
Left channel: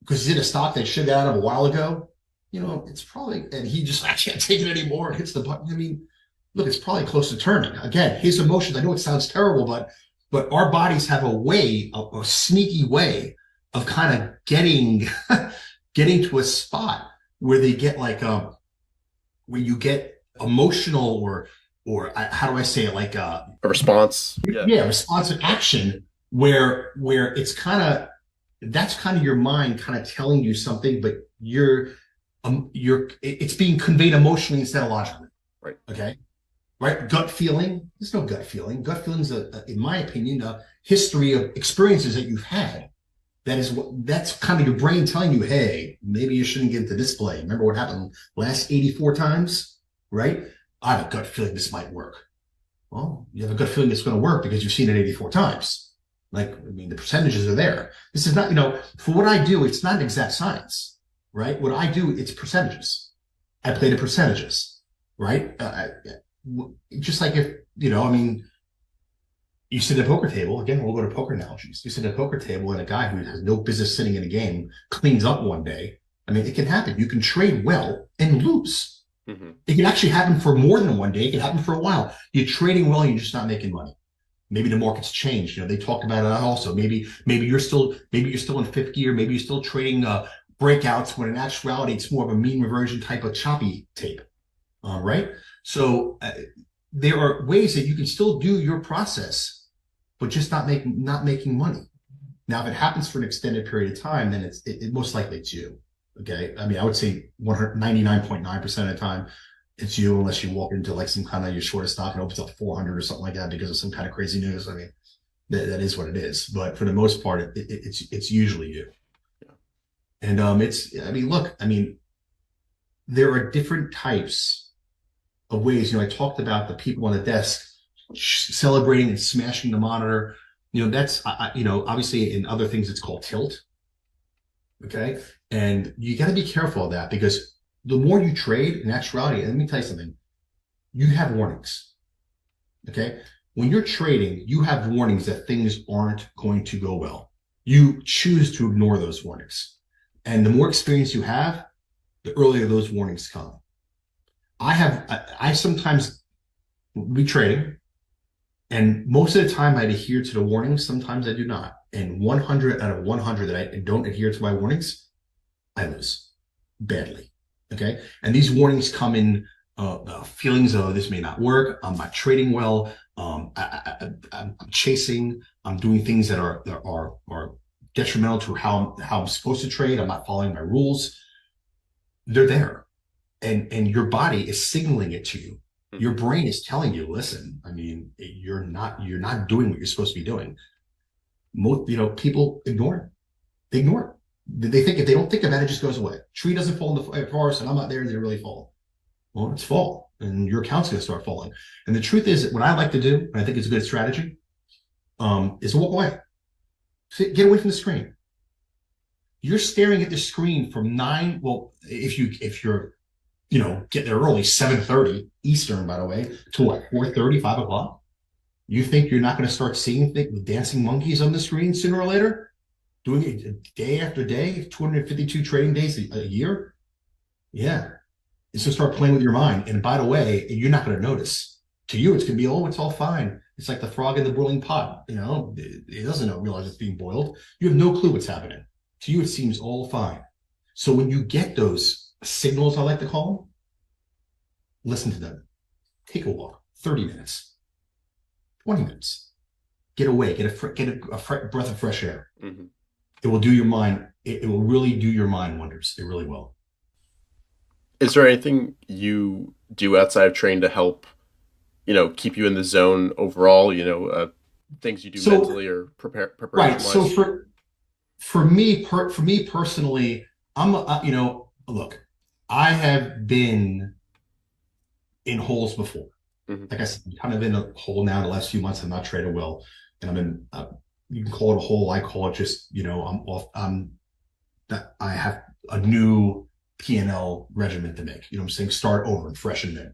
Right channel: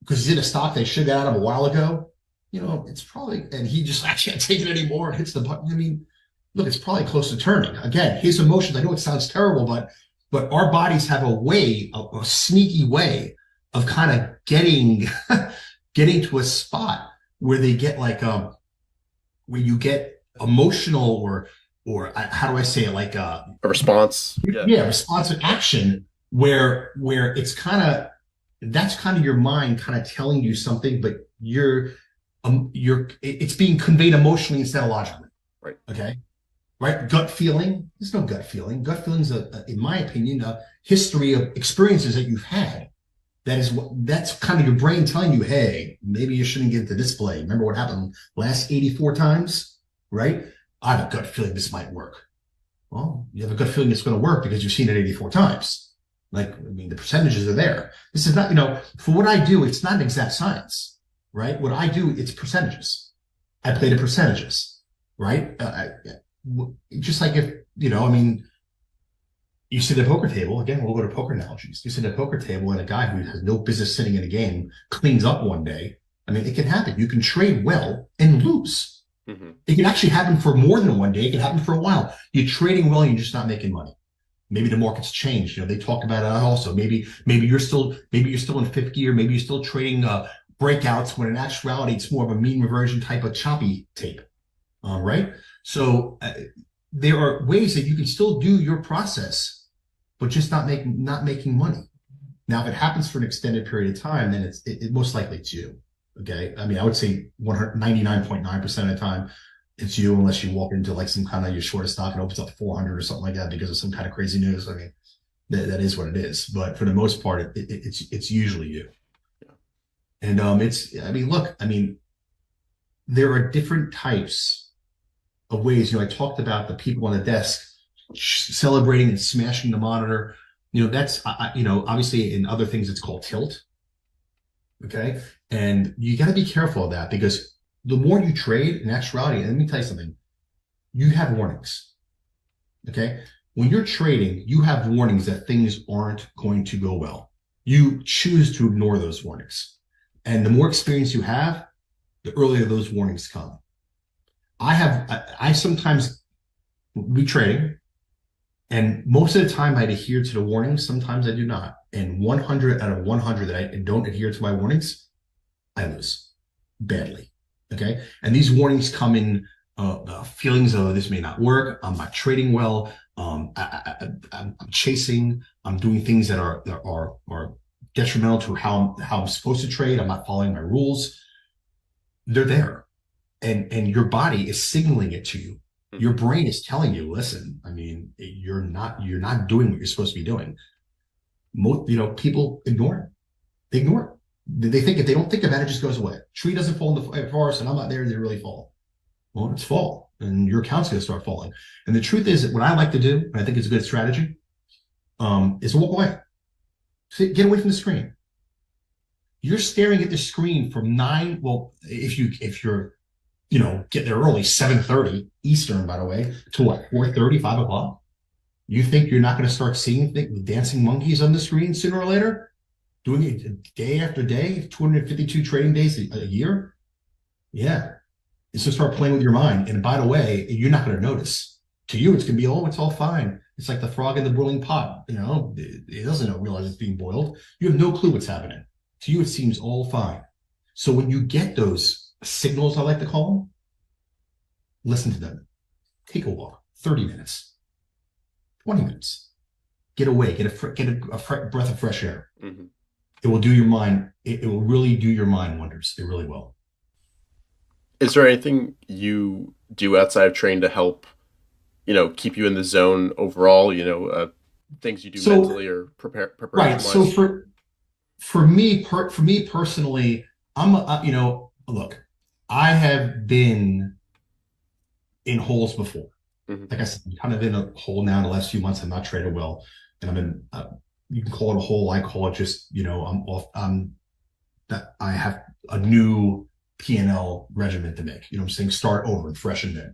because he's in a stock they should have got out of a while ago. It's probably, and he just, I can't take it anymore, and hits the button. I mean, look, it's probably close to turning. Again, his emotions, I know it sounds terrible, but our bodies have a sneaky way of kind of getting to a spot where they get like, where you get emotional, or how do I say it? Like a response. Yeah, responsive action where it's that's kind of your mind kind of telling you something, but it's being conveyed emotionally instead of logically. Right. Okay. Right. Gut feeling. There's no gut feeling. Gut feeling is, in my opinion, a history of experiences that you've had. That's kind of your brain telling you, hey, maybe you shouldn't get into this play. Remember what happened last 84 times, right? I have a gut feeling this might work. Well, you have a gut feeling it's going to work because you've seen it 84 times. Like, I mean, the percentages are there. This is not, for what I do, it's not an exact science, right? What I do, it's percentages. I play the percentages, right? Just like if, you sit at a poker table, again, we'll go to poker analogies. You sit at a poker table and a guy who has no business sitting in a game cleans up one day. I mean, it can happen. You can trade well and lose. Mm-hmm. It can actually happen for more than one day. It can happen for a while. You're trading well and you're just not making money. Maybe the market's changed. They talk about it also. Maybe you're still in fifth gear. Maybe you're still trading breakouts when in actuality it's more of a mean reversion type of choppy tape. Right? So there are ways that you can still do your process, but just not making money. Now, if it happens for an extended period of time, then it most likely it's you. Okay. I mean, I would say 99.9% of the time it's you, unless you walk into like some kind of your shortest stock and opens up 400 or something like that because of some kind of crazy news. I mean, that is what it is. But for the most part, it's usually you. Yeah. And there are different types of ways. I talked about the people on the desk celebrating and smashing the monitor. That's obviously in other things it's called tilt. Okay. And you got to be careful of that, because the more you trade, in actuality, and let me tell you something, you have warnings. Okay. When you're trading, you have warnings that things aren't going to go well. You choose to ignore those warnings. And the more experience you have, the earlier those warnings come. I sometimes be trading, and most of the time I'd adhere to the warnings. Sometimes I do not. And 100 out of 100 that I don't adhere to my warnings, I lose badly. Okay. And these warnings come in feelings of this may not work. I'm not trading well. I'm chasing. I'm doing things that are detrimental to how I'm supposed to trade. I'm not following my rules. They're there. And your body is signaling it to you. Your brain is telling you, listen, I mean, you're not doing what you're supposed to be doing. Most, people ignore it. They ignore it. They think if they don't think about it, it just goes away. Tree doesn't fall in the forest and I'm not there, they really fall. Well, it's fall and your account's going to start falling. And the truth is that what I like to do, and I think it's a good strategy, is to walk away. Get away from the screen. You're staring at the screen from 9. Well, if you're get there early, 7:30 Eastern, by the way, to what, 4:30, 5 o'clock? You think you're not going to start seeing the dancing monkeys on the screen sooner or later? Doing it day after day, 252 trading days a year? Yeah. It's to start playing with your mind. And by the way, you're not going to notice. To you, it's going to be, oh, it's all fine. It's like the frog in the boiling pot. It doesn't realize it's being boiled. You have no clue what's happening. To you, it seems all fine. So when you get those signals, I like to call them, listen to them. Take a walk, 30 minutes, 20 minutes. Get away, get a breath of fresh air. Mm-hmm. It will do your mind. It will really do your mind wonders. It really will. Is there anything you do outside of training to help, keep you in the zone overall? Things you do mentally or preparation wise. Right. So for me personally, look, I have been in holes before. Mm-hmm. Like I said, I'm kind of in a hole now. In the last few months, I'm not traded well, and I'm in. You can call it a hole. I call it just, I'm off. That I have a new P&L regimen to make. You know what I'm saying? Start over and freshen it.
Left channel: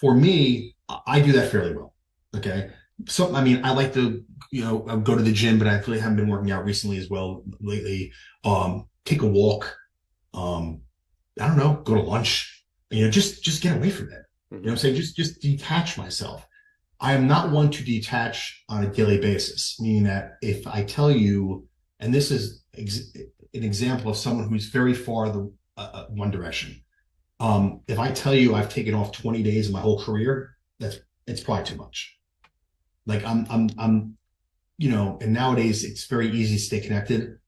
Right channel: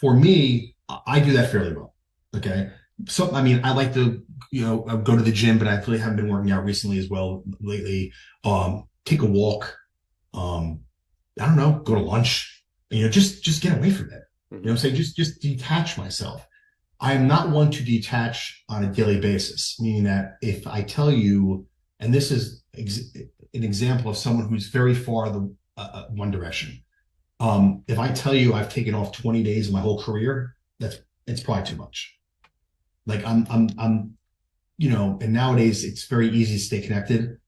For me, I do that fairly well. Okay. So, I mean, I like to, go to the gym, but I really haven't been working out recently as well lately. Take a walk. I don't know, go to lunch, just get away from it. You know what I'm saying? Just detach myself. I am not one to detach on a daily basis, meaning that if I tell you, and this is an example of someone who's very far the one direction. If I tell you I've taken off 20 days of my whole career, it's probably too much. Like and nowadays it's very easy to stay connected.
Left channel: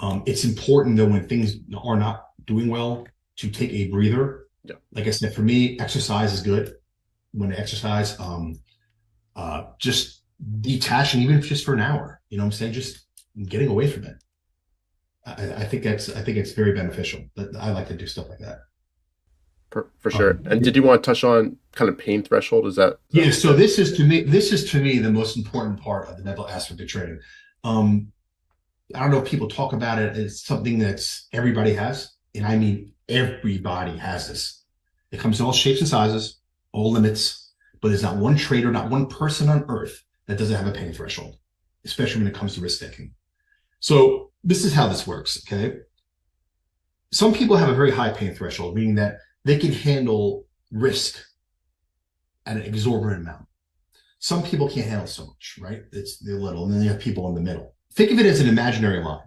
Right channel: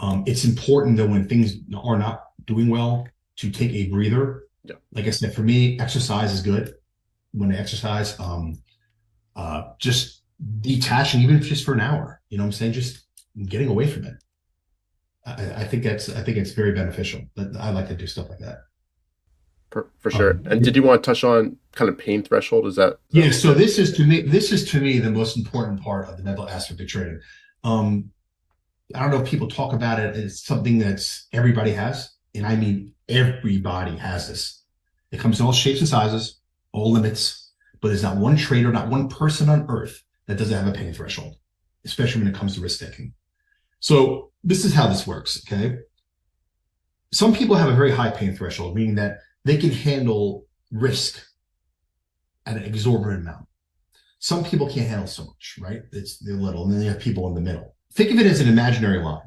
It's important though when things are not doing well to take a breather. Yeah. Like I said, for me, exercise is good. When I exercise, just detaching, even if just for an hour, you know what I'm saying? Just getting away from it. I think it's very beneficial. I like to do stuff like that. For sure. And did you want to touch on kind of pain threshold? Yeah. So this is to me the most important part of the mental aspect of trading. I don't know if people talk about it as something that's everybody has, and I mean everybody has this. It comes in all shapes and sizes, all limits, but there's not one trader, not one person on earth that doesn't have a pain threshold, especially when it comes to risk taking. So this is how this works. Okay. Some people have a very high pain threshold, meaning that they can handle risk at an exorbitant amount. Some people can't handle so much, right? They're little, and then you have people in the middle. Think of it as an imaginary line,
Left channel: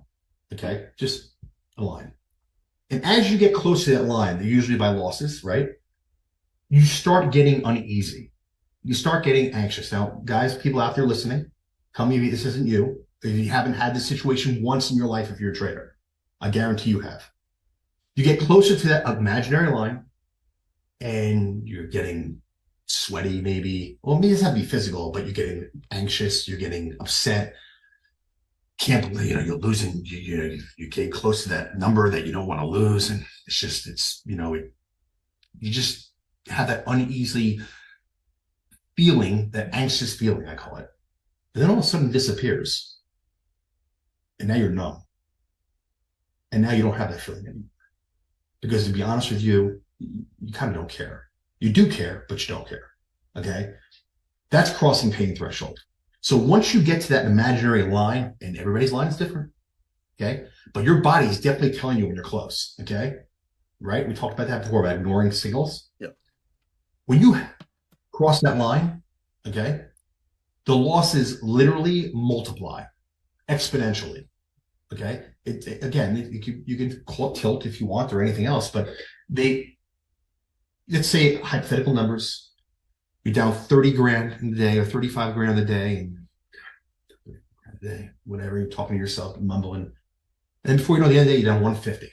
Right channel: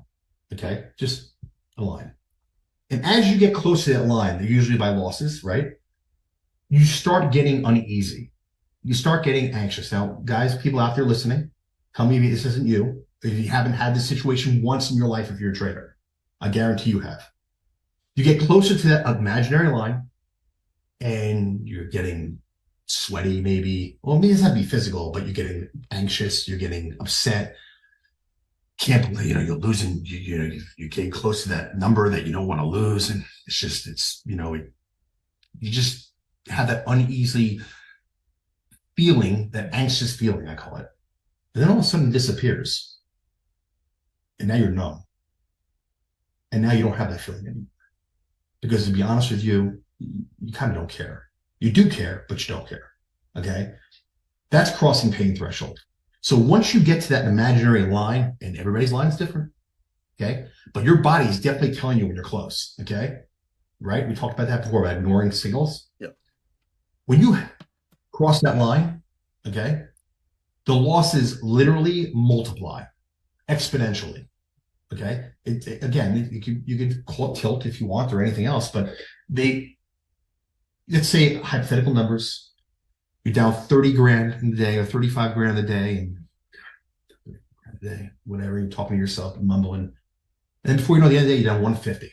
okay? Just a line. And as you get close to that line, usually by losses, right? You start getting uneasy. You start getting anxious. Now, guys, people out there listening, tell me if this isn't you. If you haven't had this situation once in your life, if you're a trader, I guarantee you have. You get closer to that imaginary line, and you're getting sweaty, maybe. Well, it doesn't have to be physical, but you're getting anxious. You're getting upset. Can't believe, you're losing. You're getting close to that number that you don't want to lose, and you just have that uneasy feeling, that anxious feeling, I call it. And then all of a sudden it disappears, and now you're numb, and now you don't have that feeling anymore. Because to be honest with you, you kind of don't care. You do care, but you don't care. Okay? That's crossing pain threshold. So once you get to that imaginary line, and everybody's line is different, okay? But your body is definitely telling you when you're close, okay? Right? We talked about that before, about ignoring signals. Yep. When you cross that line, okay, the losses literally multiply exponentially. Okay. You can call it tilt if you want or anything else, but let's say hypothetical numbers, you're down 30 grand in the day or 35 grand a day, whatever, you're talking to yourself, mumbling. And then before you know, the other day, you're down 150.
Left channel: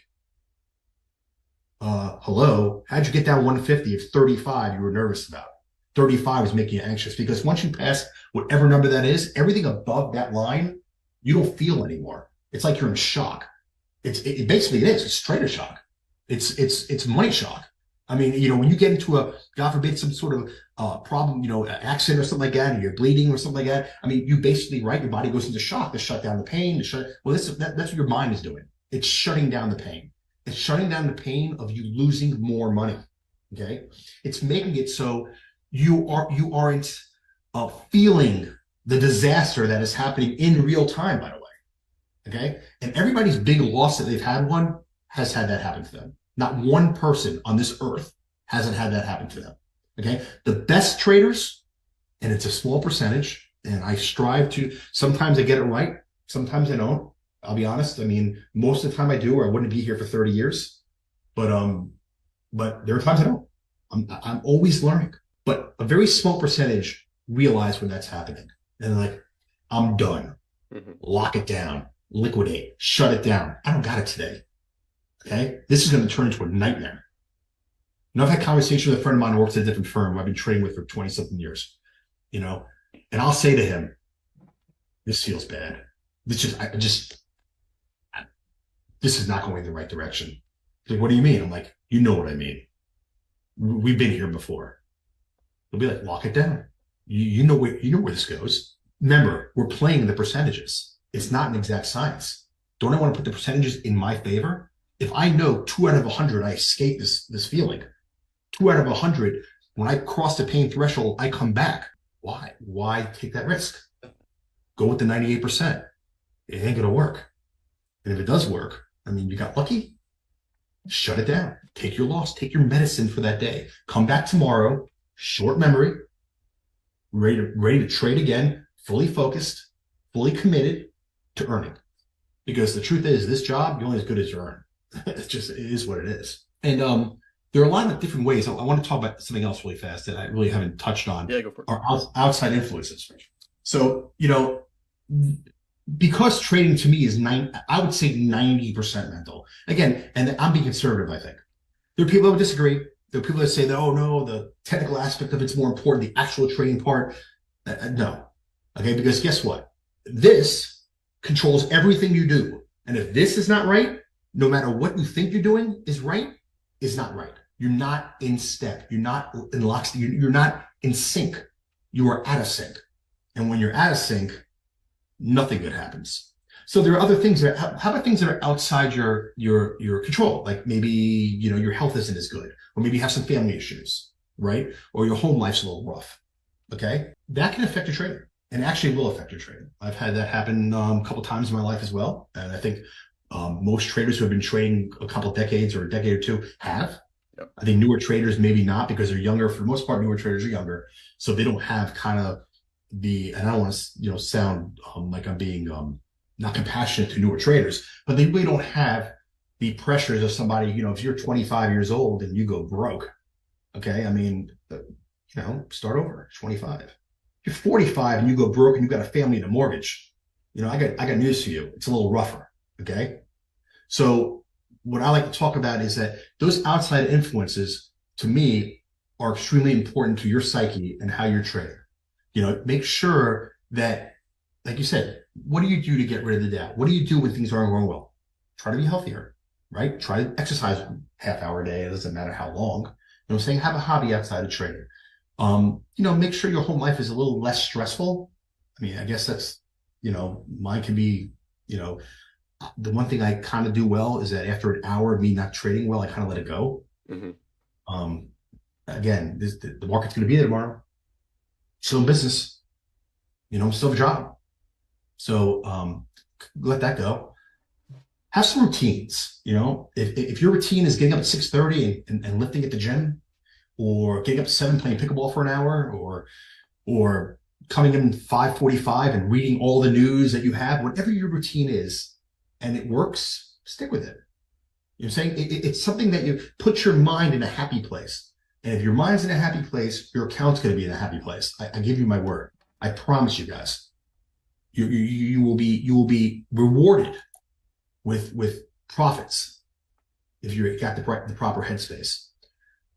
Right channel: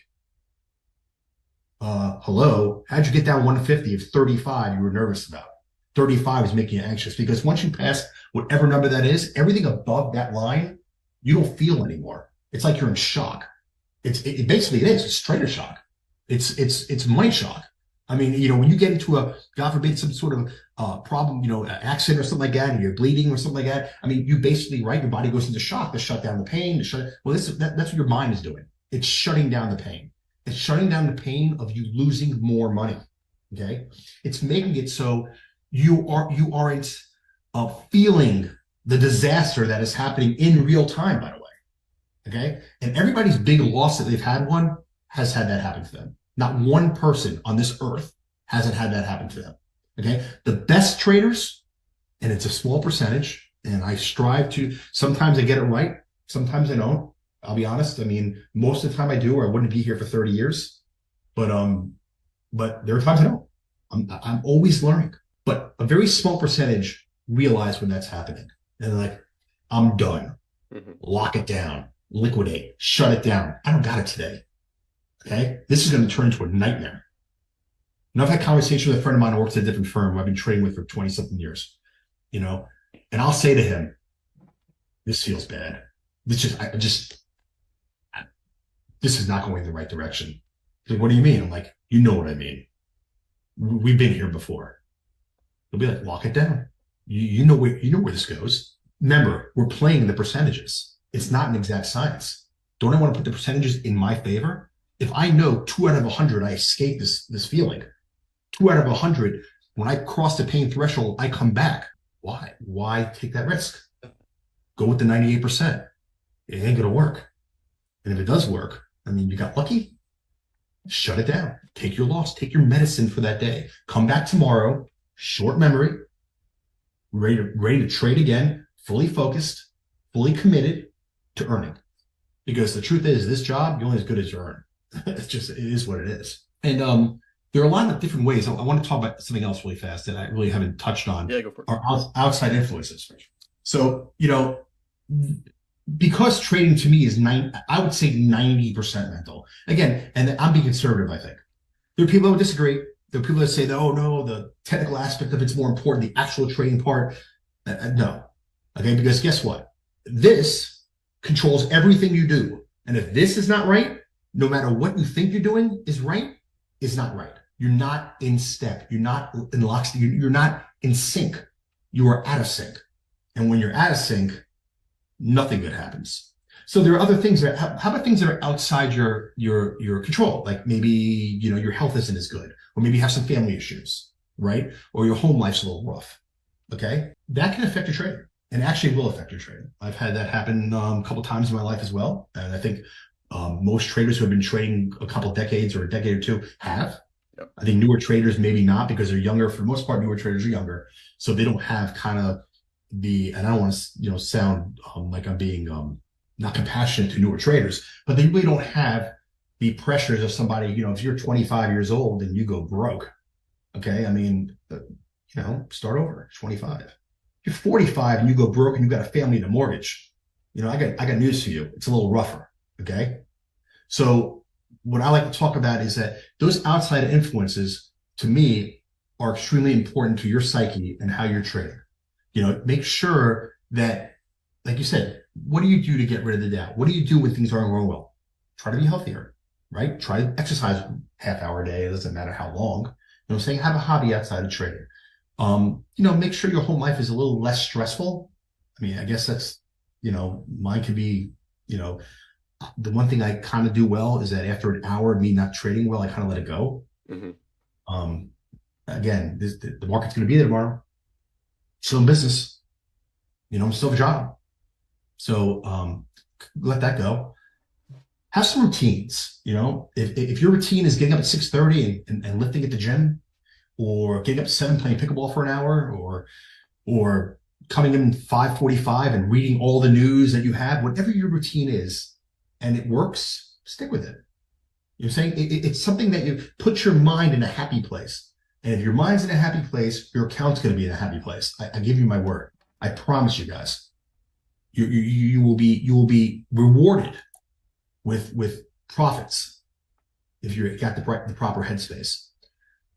Hello, how'd you get down 150 if 35 you were nervous about? 35 is making you anxious, because once you pass whatever number that is, everything above that line, you don't feel anymore. It's like you're in shock. It basically is. It's trader shock. It's money shock. I mean, when you get into God forbid, some sort of problem, accident or something like that, and you're bleeding or something like that. I mean, you basically, right, your body goes into shock to shut down the pain. That's what your mind is doing. It's shutting down the pain. It's shutting down the pain of you losing more money. Okay, it's making it so you aren't feeling the disaster that is happening in real time, by the way. Okay. And everybody's big loss that they've had has had that happen to them. Not one person on this earth hasn't had that happen to them. Okay. The best traders, and it's a small percentage, and I strive to, sometimes I get it right. Sometimes I don't. I'll be honest. I mean, most of the time I do, or I wouldn't be here for 30 years. But there are times I don't. I'm always learning. But a very small percentage realize when that's happening. And they're like, I'm done. Mm-hmm. Lock it down. Liquidate, shut it down. I don't got it today. Okay. This is going to turn into a nightmare. And I've had conversations with a friend of mine who works at a different firm who I've been trading with for 20 something years, and I'll say to him, this feels bad. This is not going in the right direction. He's like, what do you mean? I'm like, you know what I mean. We've been here before. They'll be like, lock it down. You know where this goes. Remember, we're playing the percentages. It's not an exact science. Don't I want to put the percentages in my favor? If I know 2 out of 100, I escape this feeling. 2 out of 100, when I cross the pain threshold, I come back. Why? Why take that risk? Go with the 98%. It ain't gonna work. And if it does work, I mean, you got lucky. Shut it down. Take your loss. Take your medicine for that day. Come back tomorrow. Short memory. Ready to trade again. Fully focused. Fully committed to earning. Because the truth is, this job, you're only as good as you earn. It is what it is. And there are a lot of different ways. I want to talk about something else really fast that I really haven't touched on. Yeah, go for it. Are outside influences. So, because trading to me is I would say 90% mental. Again, and I'm being conservative, I think. There are people that would disagree. There are people that say that, oh no, the technical aspect of it's more important, the actual trading part. No. Okay, because guess what? This controls everything you do. And if this is not right, no matter what you think you're doing is right, is not right. You're not in step. You're not in lockstep. You're not in sync. You are out of sync. And when you're out of sync, nothing good happens. So there are other things that, how about things that are outside your control? Like maybe, your health isn't as good, or maybe you have some family issues, right? Or your home life's a little rough. Okay. That can affect your trading, and actually will affect your trading. I've had that happen a couple of times in my life as well. And I think most traders who have been trading a couple of decades or a decade or two have. Yep. I think newer traders, maybe not, because they're younger. For the most part, newer traders are younger. So they don't have kind of and I don't want to, sound like I'm being not compassionate to newer traders, but they really don't have the pressures of somebody, if you're 25 years old and you go broke, okay? I mean, start over, 25. If you're 45 and you go broke and you got a family and a mortgage, I got news for you. It's a little rougher, okay? So what I like to talk about is that those outside influences, to me, are extremely important to your psyche and how you're trading. Make sure that, like you said, what do you do to get rid of the doubt? What do you do when things aren't going well? Try to be healthier, right? Try to exercise half-hour a day. It doesn't matter how long. You know what I'm saying? Have a hobby outside of trading. Make sure your home life is a little less stressful. I mean, I guess that's, mine could be, the one thing I kind of do well is that after an hour of me not trading well, I kind of let it go. Mm-hmm. Again, the market's going to be there tomorrow. Still in business, I'm still have a job. So let that go. Have some routines, if your routine is getting up at 6:30 and lifting at the gym, or getting up at 7 playing pickleball for an hour, or coming in 5:45 and reading all the news that you have, whatever your routine is, and it works, stick with it. You're saying it's something that you put your mind in a happy place. And if your mind's in a happy place, your account's going to be in a happy place. I give you my word. I promise you guys. You will be rewarded with profits if you got the proper headspace.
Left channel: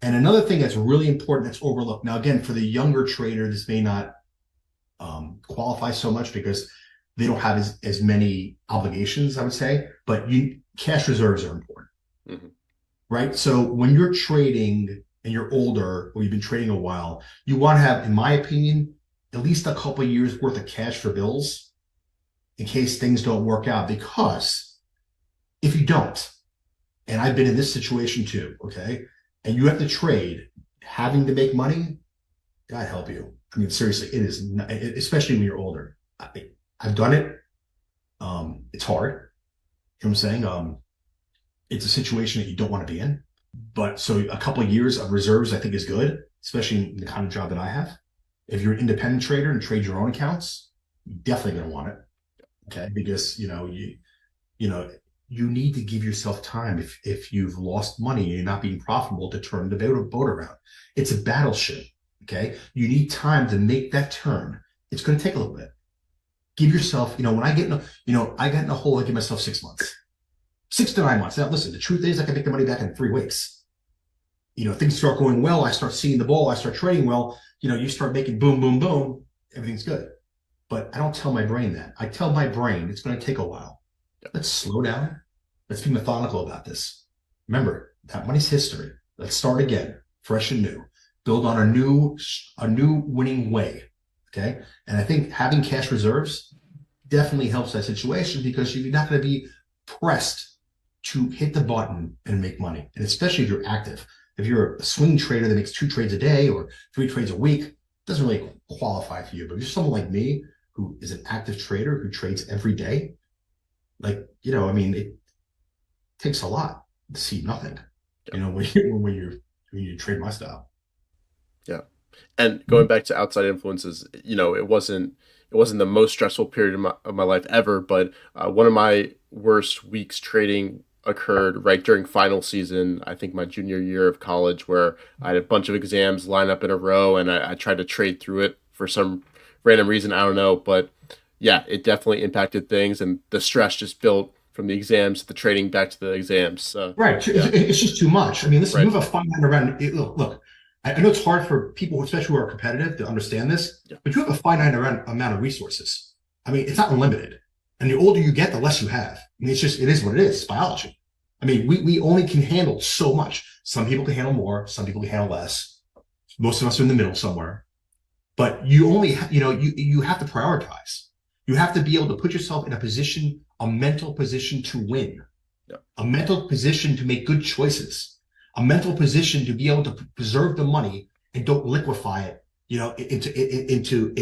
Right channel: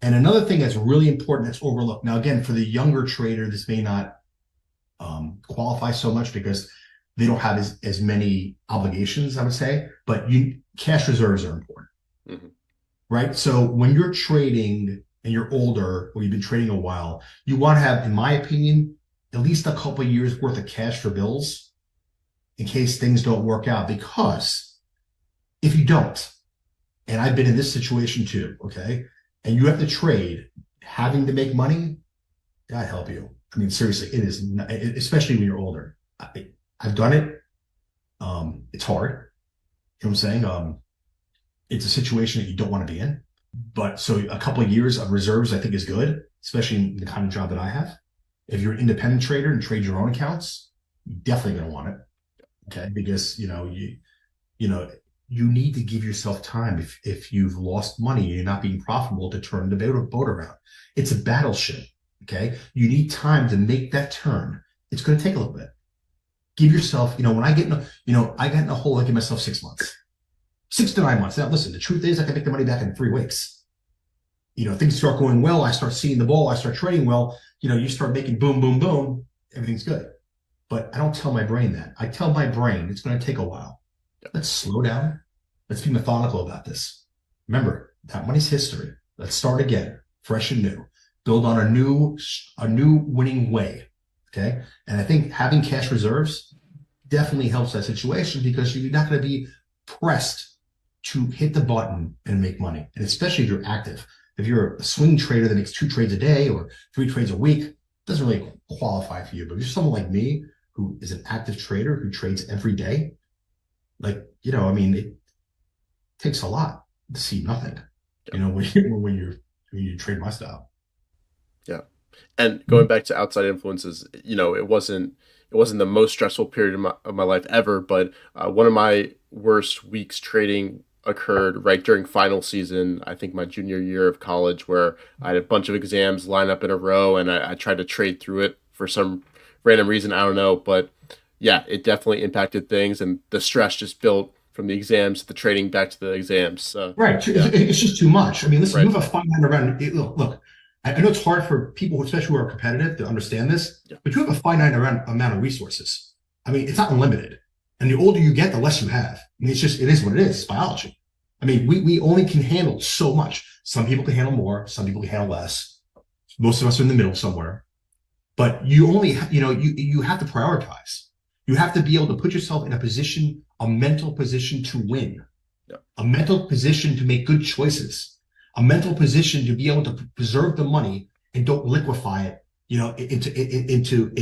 And another thing that's really important that's overlooked. Now, again, for the younger trader, this may not qualify so much because they don't have as many obligations, I would say. But cash reserves are important, mm-hmm. right? So when you're trading and you're older, or you've been trading a while, you want to have, in my opinion, at least a couple of years worth of cash for bills in case things don't work out. Because if you don't, and I've been in this situation too, okay, and you have to trade, having to make money, God help you. I mean, seriously, it is, especially when you're older. I've done it. It's hard. You know what I'm saying? It's a situation that you don't want to be in. But so a couple of years of reserves, I think, is good, especially in the kind of job that I have. If you're an independent trader and trade your own accounts, you're definitely going to want it. Okay. Because, you need to give yourself time if you've lost money and you're not being profitable to turn the boat around. It's a battleship. Okay. You need time to make that turn. It's going to take a little bit. Give yourself, when I get I got in a hole, I give myself 6 months. 6 to 9 months. Now, listen, the truth is I can make the money back in 3 weeks. Things start going well. I start seeing the ball. I start trading well. You start making boom, boom, boom. Everything's good. But I don't tell my brain that. I tell my brain it's going to take a while. Let's slow down. Let's be methodical about this. Remember, that money's history. Let's start again fresh and new, build on a new winning way. Okay. And I think having cash reserves definitely helps that situation because you're not going to be pressed to hit the button and make money. And especially if you're active. If you're a swing trader that makes 2 trades a day or 3 trades a week, it doesn't really qualify for you. But if you're someone like me who is an active trader who trades every day, like, I mean, it takes a lot to see nothing, when you trade my style. Yeah. And going back to outside influences, it wasn't the most stressful period of my life ever, but one of my worst weeks trading occurred right during final season, I think my junior year of college, where I had a bunch of exams line up in a row and I tried to trade through it for some random reason. I don't know, but yeah, it definitely impacted things, and the stress just built from the exams to the trading back to the exams. So, right. yeah. It's just too much. I mean, listen, Right. you have a finite amount. Look, I know it's hard for people, especially who are competitive, to understand this, but you have a finite amount of resources. I mean, it's not unlimited. And the older you get, the less you have. I mean, it is what it is. It's biology. I mean, we only can handle so much. Some people can handle more. Some people can handle less. Most of us are in the middle somewhere. But you only, you have to prioritize. You have to be able to put yourself in a mental position to win, a mental position to make good choices, a mental position to be able to preserve the money and don't liquefy it, into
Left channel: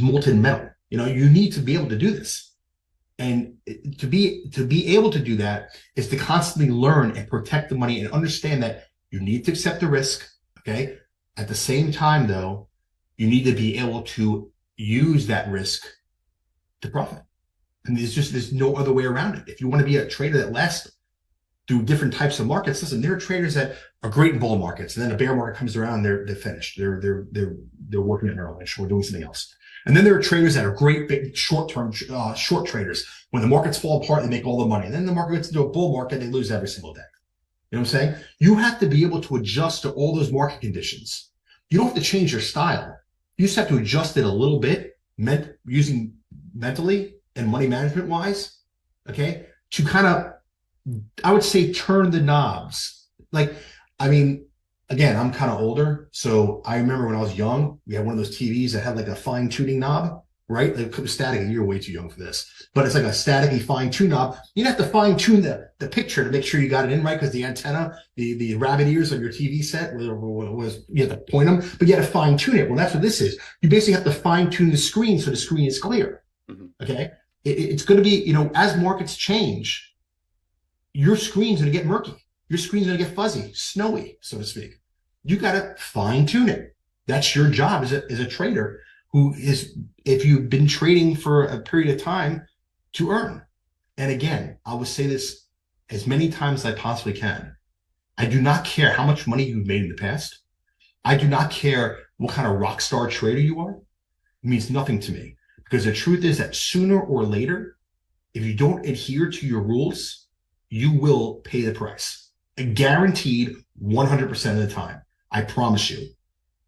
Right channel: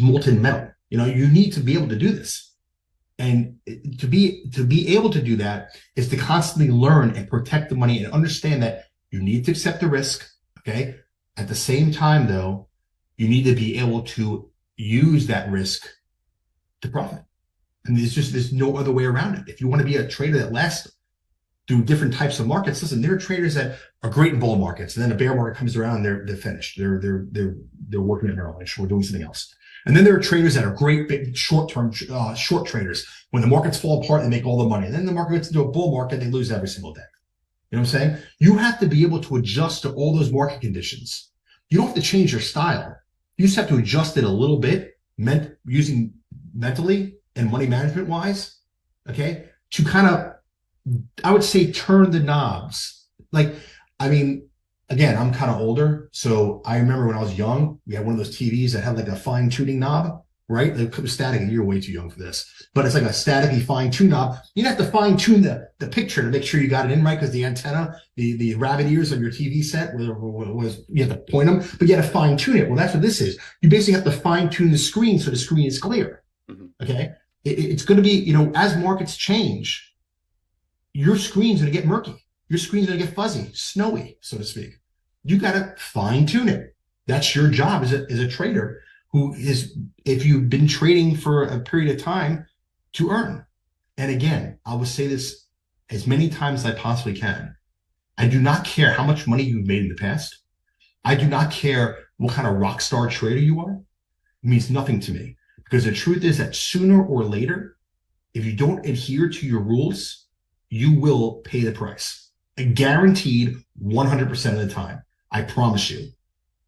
molten metal. You need to be able to do this. And to be able to do that is to constantly learn and protect the money and understand that you need to accept the risk. Okay. At the same time, though, you need to be able to use that risk to profit. And there's no other way around it. If you want to be a trader that lasts through different types of markets, listen, there are traders that are great in bull markets, and then a bear market comes around, they're finished. They're working at Merrill Lynch or doing something else. And then there are traders that are great big short-term short traders. When the markets fall apart, they make all the money. And then the market gets into a bull market, they lose every single day. You know what I'm saying? You have to be able to adjust to all those market conditions. You don't have to change your style. You just have to adjust it a little bit, using mentally and money management wise, okay, to kind of, I would say, turn the knobs. Like, I mean, again, I'm kind of older, so I remember when I was young, we had one of those TVs that had like a fine tuning knob, right? It was static. You're way too young for this, but it's like a staticky fine tune knob. You'd have to fine tune the picture to make sure you got it in right, because the antenna, the rabbit ears on your TV set was you have to point them, but you had to fine tune it. Well, that's what this is. You basically have to fine tune the screen so the screen is clear. Mm-hmm. Okay, it's going to be, as markets change, your screen's going to get murky. Your screen's going to get fuzzy, snowy, so to speak. You got to fine tune it. That's your job as a trader who is, if you've been trading for a period of time, to earn. And again, I will say this as many times as I possibly can. I do not care how much money you've made in the past. I do not care what kind of rock star trader you are. It means nothing to me, because the truth is that sooner or later, if you don't adhere to your rules, you will pay the price. Guaranteed 100% of the time. I promise you,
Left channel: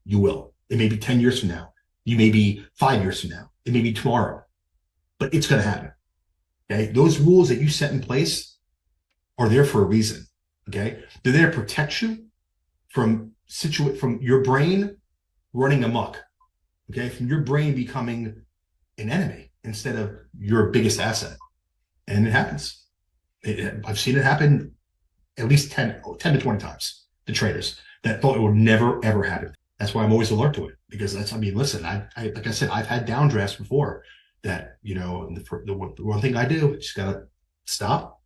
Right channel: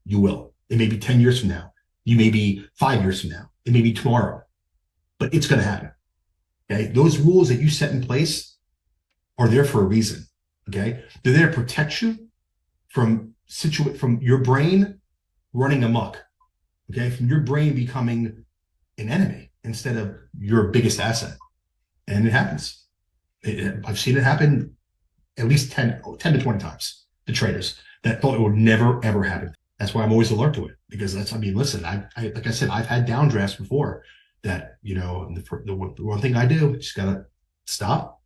you will. It may be 10 years from now. You may be 5 years from now. It may be tomorrow, but it's going to happen. Okay. Those rules that you set in place are there for a reason. Okay. They're there to protect you from your brain running amok. Okay. From your brain becoming an enemy instead of your biggest asset. And it happens. I've seen it happen at least 10 to 20 times to traders that thought it would never, ever happen. That's why I'm always alert to it, because listen, I like I said, I've had downdrafts before that, the one thing I do, just got to stop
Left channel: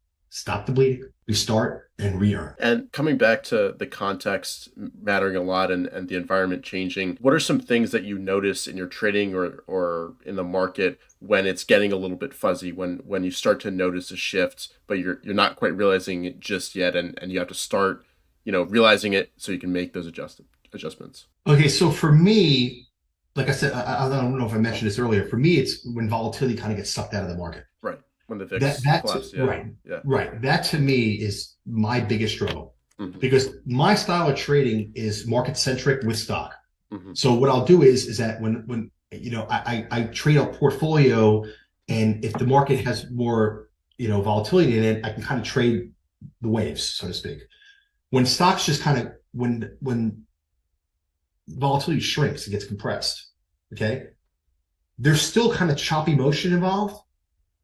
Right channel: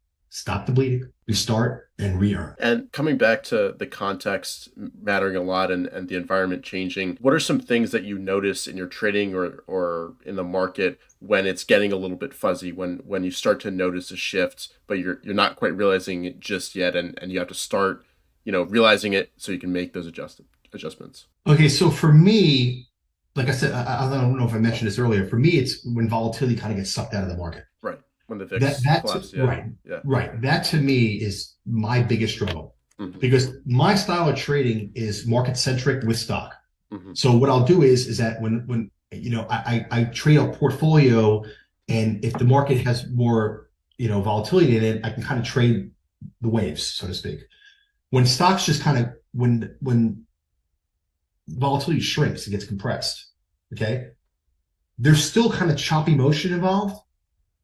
the bleeding, restart, and re-earn. And coming back to the context mattering a lot and the environment changing, what are some things that you notice in your trading or in the market when it's getting a little bit fuzzy, when you start to notice a shift, but you're not quite realizing it just yet, and you have to start, realizing it so you can make those adjustments? Okay, so for me, like I said, I don't know if I mentioned this earlier. For me, it's when volatility kind of gets sucked out of the market. Right. When the VIX collapses. Yeah. Right. Yeah. Right. That to me is my biggest struggle, mm-hmm. because my style of trading is market centric with stock. Mm-hmm. So what I'll do is that when I trade a portfolio, and if the market has more volatility in it, I can kind of trade the waves, so to speak. When stocks just kind of when volatility shrinks, it gets compressed. Okay. There's still kind of choppy motion involved,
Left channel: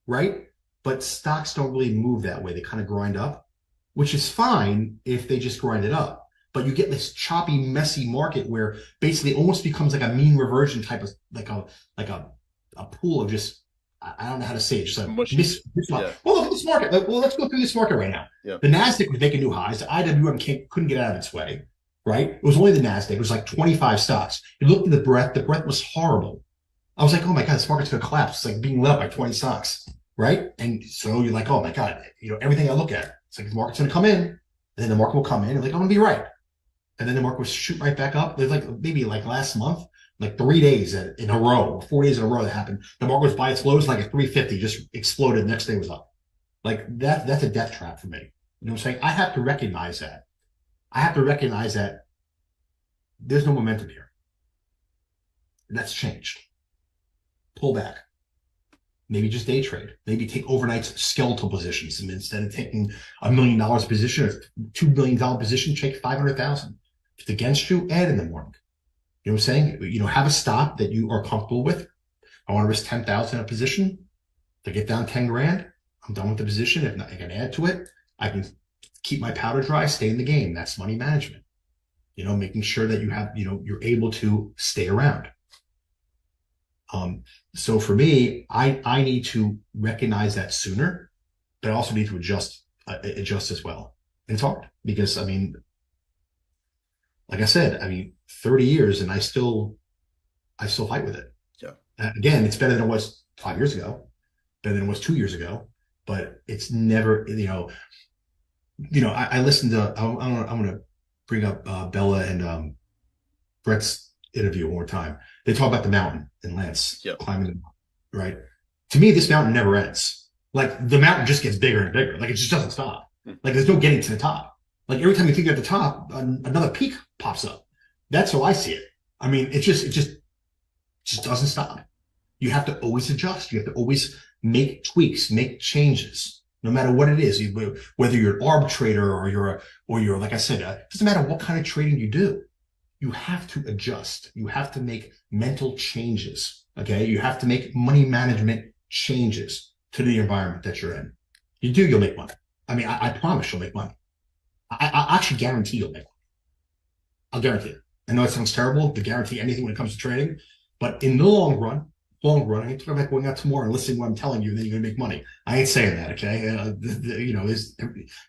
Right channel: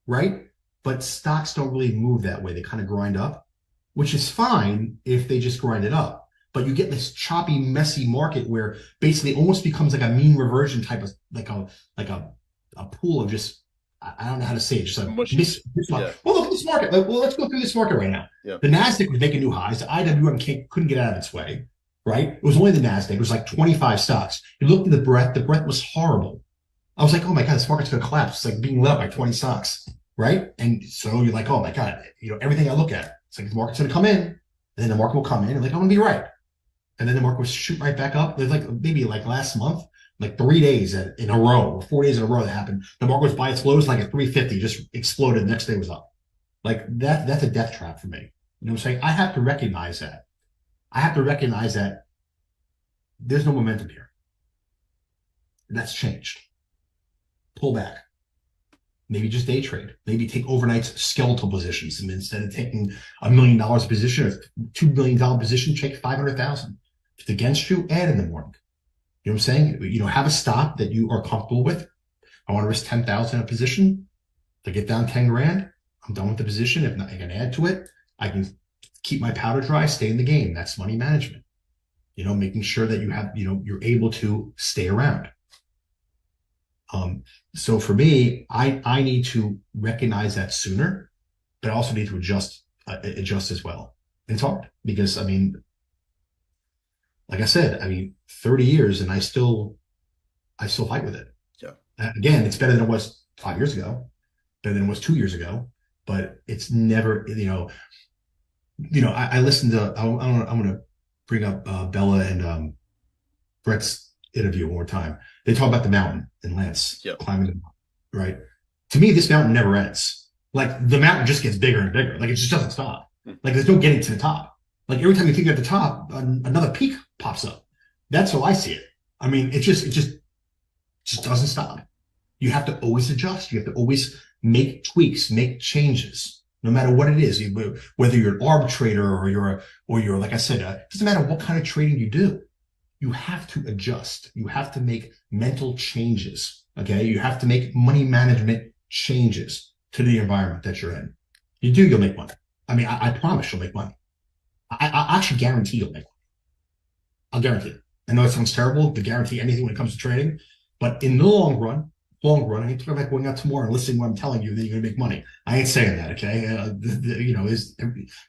right? But stocks don't really move that way. They kind of grind up, which is fine if they just grind it up. But you get this choppy, messy market where basically it almost becomes like a mean reversion type of like a pool of just, I don't know how to say it. Just like Yeah. well, look at this market. Well, let's go through this market right now. Yeah. The Nasdaq was making new highs. The IWM couldn't get out of its way, right? It was only the Nasdaq. It was like 25 stocks. You looked at the breadth. The breadth was horrible. I was like, oh my God, this market's going to collapse. It's like being lit up by 20 stocks, right? And so you're like, oh my God, everything I look at, it's like the market's going to come in, and then the market will come in, and like, I'm going to be right. And then the market will shoot right back up. There's like maybe like last month, like 3 days in a row, 4 days in a row that happened. The market was by its lows, like at 350, just exploded. The next day was up. Like that's a death trap for me. You know what I'm saying? I have to recognize that. I have to recognize that there's no momentum here. That's changed. Pull back. Maybe just day trade. Maybe take overnight skeletal positions. And instead of taking $1 million position or $2 million position, take 500,000. If it's against you, add in the morning. You know what I'm saying? Have a stop that you are comfortable with. I want to risk 10,000 a position. To get down 10 grand, I'm done with the position. If not, I can add to it. I can keep my powder dry, stay in the game. That's money management. Making sure that you have, you're able to stay around. So for me, I need to recognize that sooner, but I also need to adjust as well. And it's hard because, like I said, 30 years and I still fight with it. Yeah. Again, it's better than it was 5 years ago, better than it was 2 years ago, but it's never, I listened to, I'm going to bring up Bella and Brett's interview one more time. They talk about the mountain and Lance climbing the mountain, right? To me, this mountain never ends. Like the mountain just gets bigger and bigger. Like it just doesn't stop. Like there's no getting to the top. Like every time you think you're at the top, another peak pops up. That's how I see it. It just doesn't stop. You have to always adjust. You have to always make tweaks, make changes, no matter what it is. Whether you're an arbitrator or you're like I said, it doesn't matter what kind of trading you do. You have to adjust. You have to make mental changes. Okay. You have to make money management changes to the environment that you're in. You'll make money. I promise you'll make money. I actually guarantee you'll make money. I'll guarantee it. I know it sounds terrible to guarantee anything when it comes to trading, but in the long run, I ain't talking about going out tomorrow and listening to what I'm telling you that you're going to make money. I ain't saying that. Okay.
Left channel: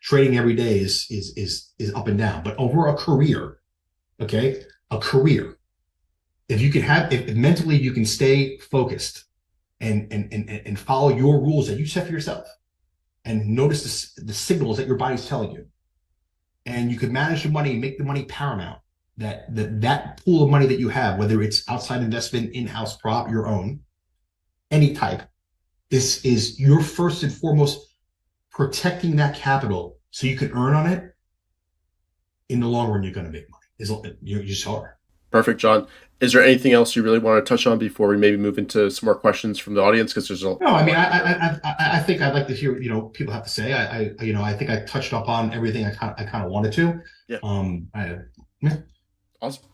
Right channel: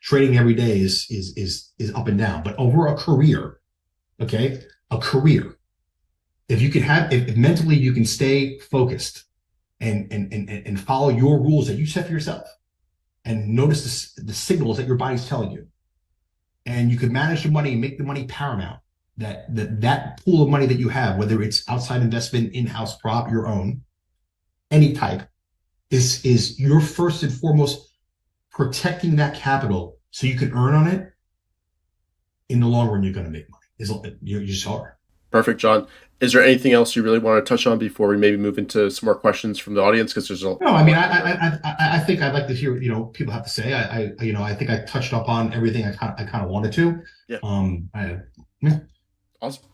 Trading every day is up and down, but over a career, okay, if mentally you can stay focused and follow your rules that you set for yourself and notice the signals that your body's telling you, and you can manage the money and make the money paramount, that pool of money that you have, whether it's outside investment, in-house prop, your own, any type, is your first and foremost protecting that capital so you can earn on it. In the long run, you're going to make money. You just are. Perfect, John. Is there anything else you really want to touch on before we maybe move into some more questions from the audience? Because there's I think I'd like to hear what people have to say. I think I touched up on everything I kind of wanted to. Yeah. Yeah. Awesome.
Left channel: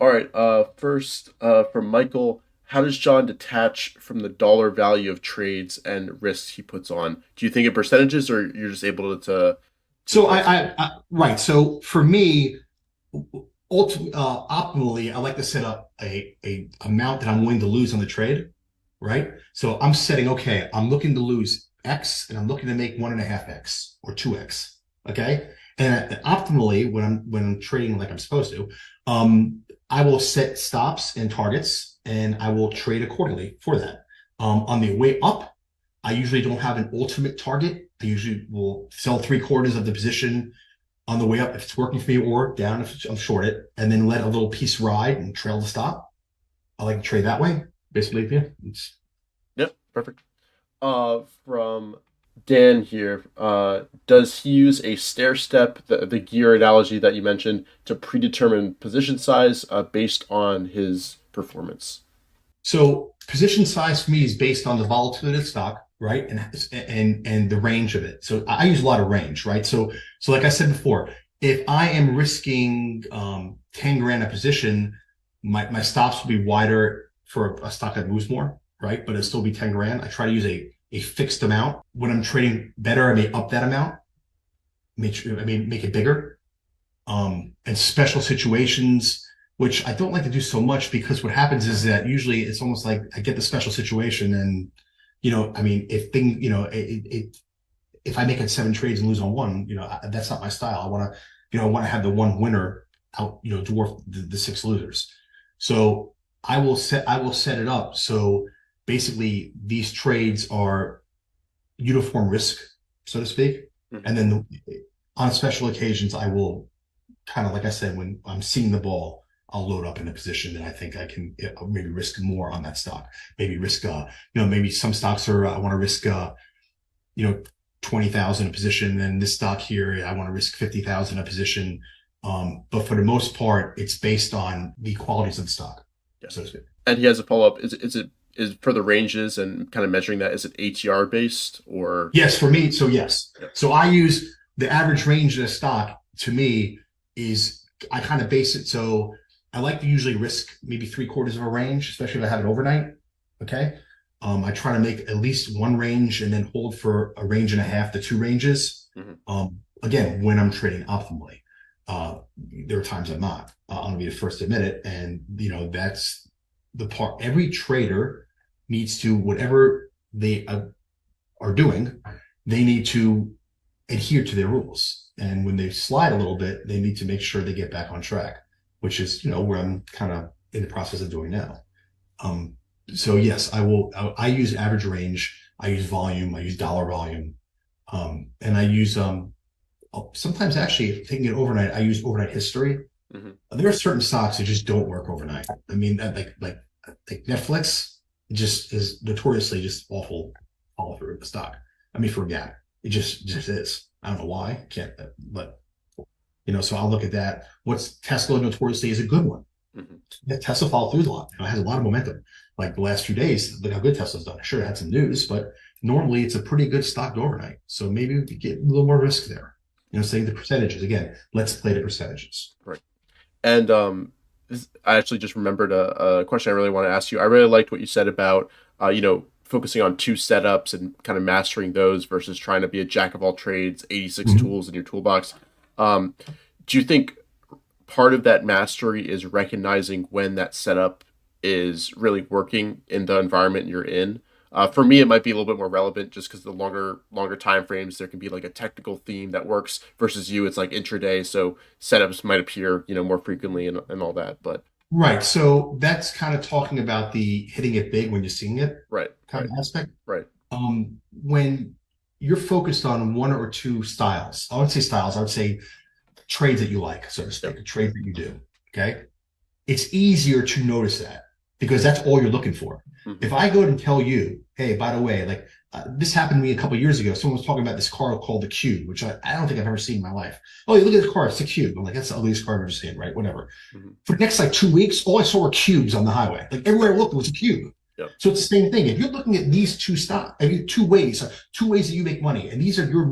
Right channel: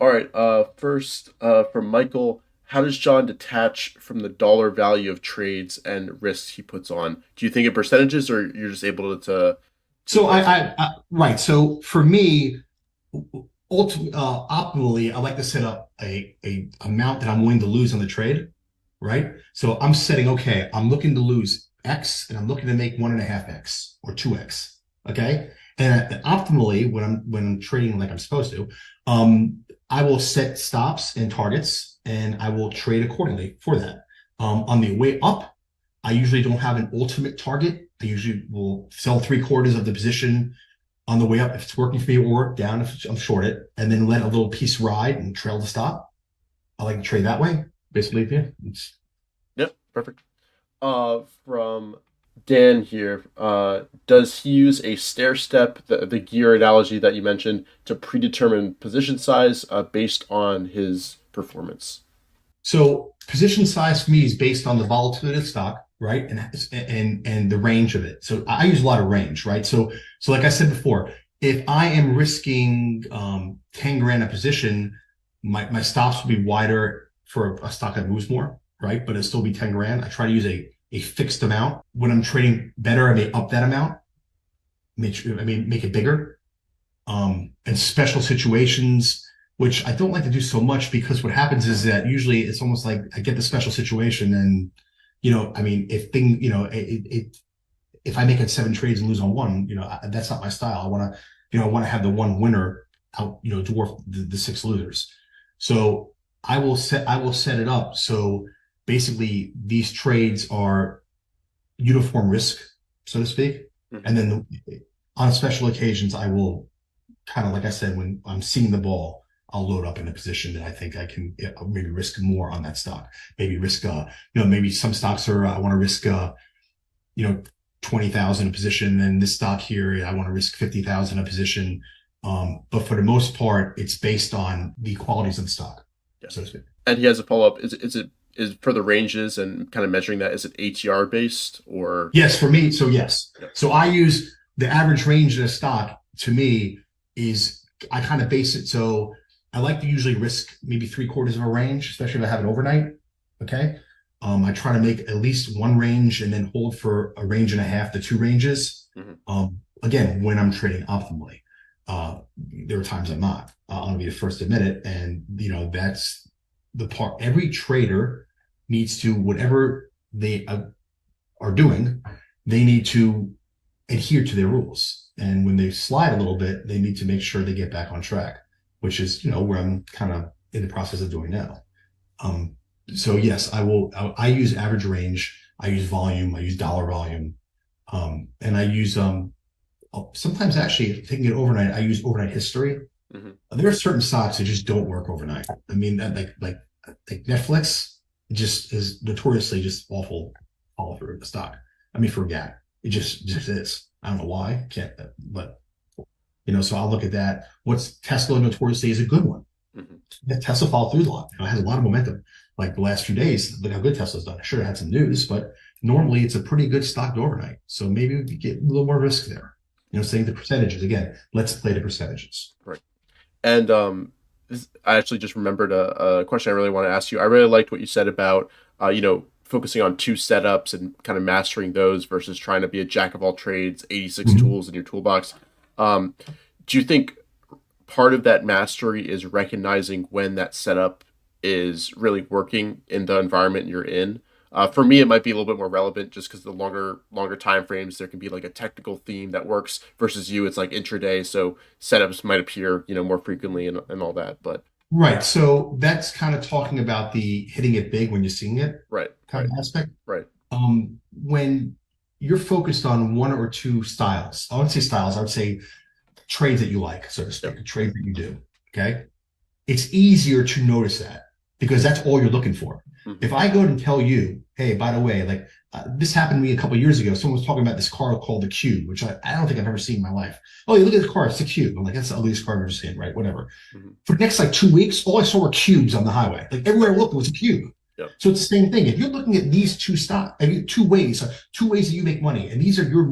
All right. First, from Michael, how does John detach from the dollar value of trades and risks he puts on? Do you think in percentages, or you're just able to? So right. So for me, optimally, I like to set up a amount that I'm willing to lose on the trade, right? So I'm setting, okay, I'm looking to lose X and I'm looking to make 1.5X or 2X, okay? And optimally, when I'm trading like I'm supposed to, I will set stops and targets and I will trade accordingly for that. On the way up, I usually don't have an ultimate target. I usually will sell 3/4 of the position on the way up if it's working for me, or down if I'm short it, and then let a little piece ride and trail the stop. I like to trade that way, basically. Yeah. Yep, perfect. From Dan here, does he use a stair step, the gear analogy that you mentioned, to predetermine position size based on his performance? So position size for me is based on the volatility of the stock, right? And the range of it. So I use a lot of range, right? So like I said before, if I am risking 10 grand a position, my stops will be wider for a stock that moves more, right? But it'll still be 10 grand. I try to use a fixed amount. When I'm trading better, I may up that amount, make it bigger. And special situations, which I don't like to do so much, because what happens is that usually it's almost like I get the special situation and, if I make it 7 trades and lose on one, that's not my style. I want to have the one winner out, dwarf the 6 losers. So I will set it up. So basically these trades are uniform risk, so to speak. Mm-hmm. And then on special occasions, I will kind of, like I said, when I'm seeing the ball, I'll load up in a position that I think I can maybe risk more on that stock. Maybe risk, maybe some stocks are, I want to risk, 20,000 a position, and this stock here, I want to risk 50,000 a position. But for the most part, it's based on the qualities of the stock. Yeah. So to speak. And he has a follow-up. Is for the ranges and kind of measuring that, is it ATR based or? Yes, for me. So yes. Yep. So I use the average range of a stock. To me, I kind of base it. So I like to usually risk maybe 3/4 of a range, especially if I have it overnight. Okay. I try to make at least one range and then hold for a range and a half to 2 ranges. Mm-hmm. Again, when I'm trading optimally, there are times I'm not. I'll be the first to admit it. And, that's the part. Every trader needs to, whatever they are doing, they need to adhere to their rules. And when they slide a little bit, they need to make sure they get back on track, which is, where I'm kind of in the process of doing now. So yes, I use average range. I use volume. I use dollar volume. And I use, sometimes actually, if taking it overnight, I use overnight history. Mm-hmm. There are certain stocks that just don't work overnight. I mean, like Netflix just is notoriously just awful follow through the stock. I mean, for GAAP, it just is. I don't know why. Can't, but so I'll look at that. What's Tesla notoriously is a good one. Mm-hmm. Tesla followed through a lot. It has a lot of momentum. Like the last few days, look how good Tesla's done. Sure, it had some news, but normally it's a pretty good stock overnight. So maybe we get a little more risk there. Saying the percentages again. Let's play the percentages. Right. And I actually just remembered a question I really want to ask you. I really liked what you said about focusing on 2 setups and kind of mastering those versus trying to be a jack of all trades, 86 mm-hmm. tools in your toolbox. Do you think part of that mastery is recognizing when that setup is really working in the environment you're in? For me, it might be a little bit more relevant just because the longer time frames, there can be like a technical theme that works versus it's like intraday. So setups might appear, more frequently and all that, but. Right. So that's kind of talking about the hitting it big when you're seeing it. Right. Kind of aspect. Right. When you're focused on 1 or 2 styles, I wouldn't say styles, I would say trades that you like, so to speak, a trade that you do. Okay. It's easier to notice that because that's all you're looking for. Mm-hmm. If I go and tell you, hey, by the way, like this happened to me a couple of years ago. Someone was talking about this car called the Cube, which I don't think I've ever seen in my life. Oh, you look at this car, it's the Cube. I'm like, that's the ugliest car I've ever seen, right? Whatever. Mm-hmm. For the next 2 weeks, all I saw were cubes on the highway. Like everywhere I looked was a cube. Yep. So it's the same thing. If you're looking at these 2 2 ways that you make money, and these are your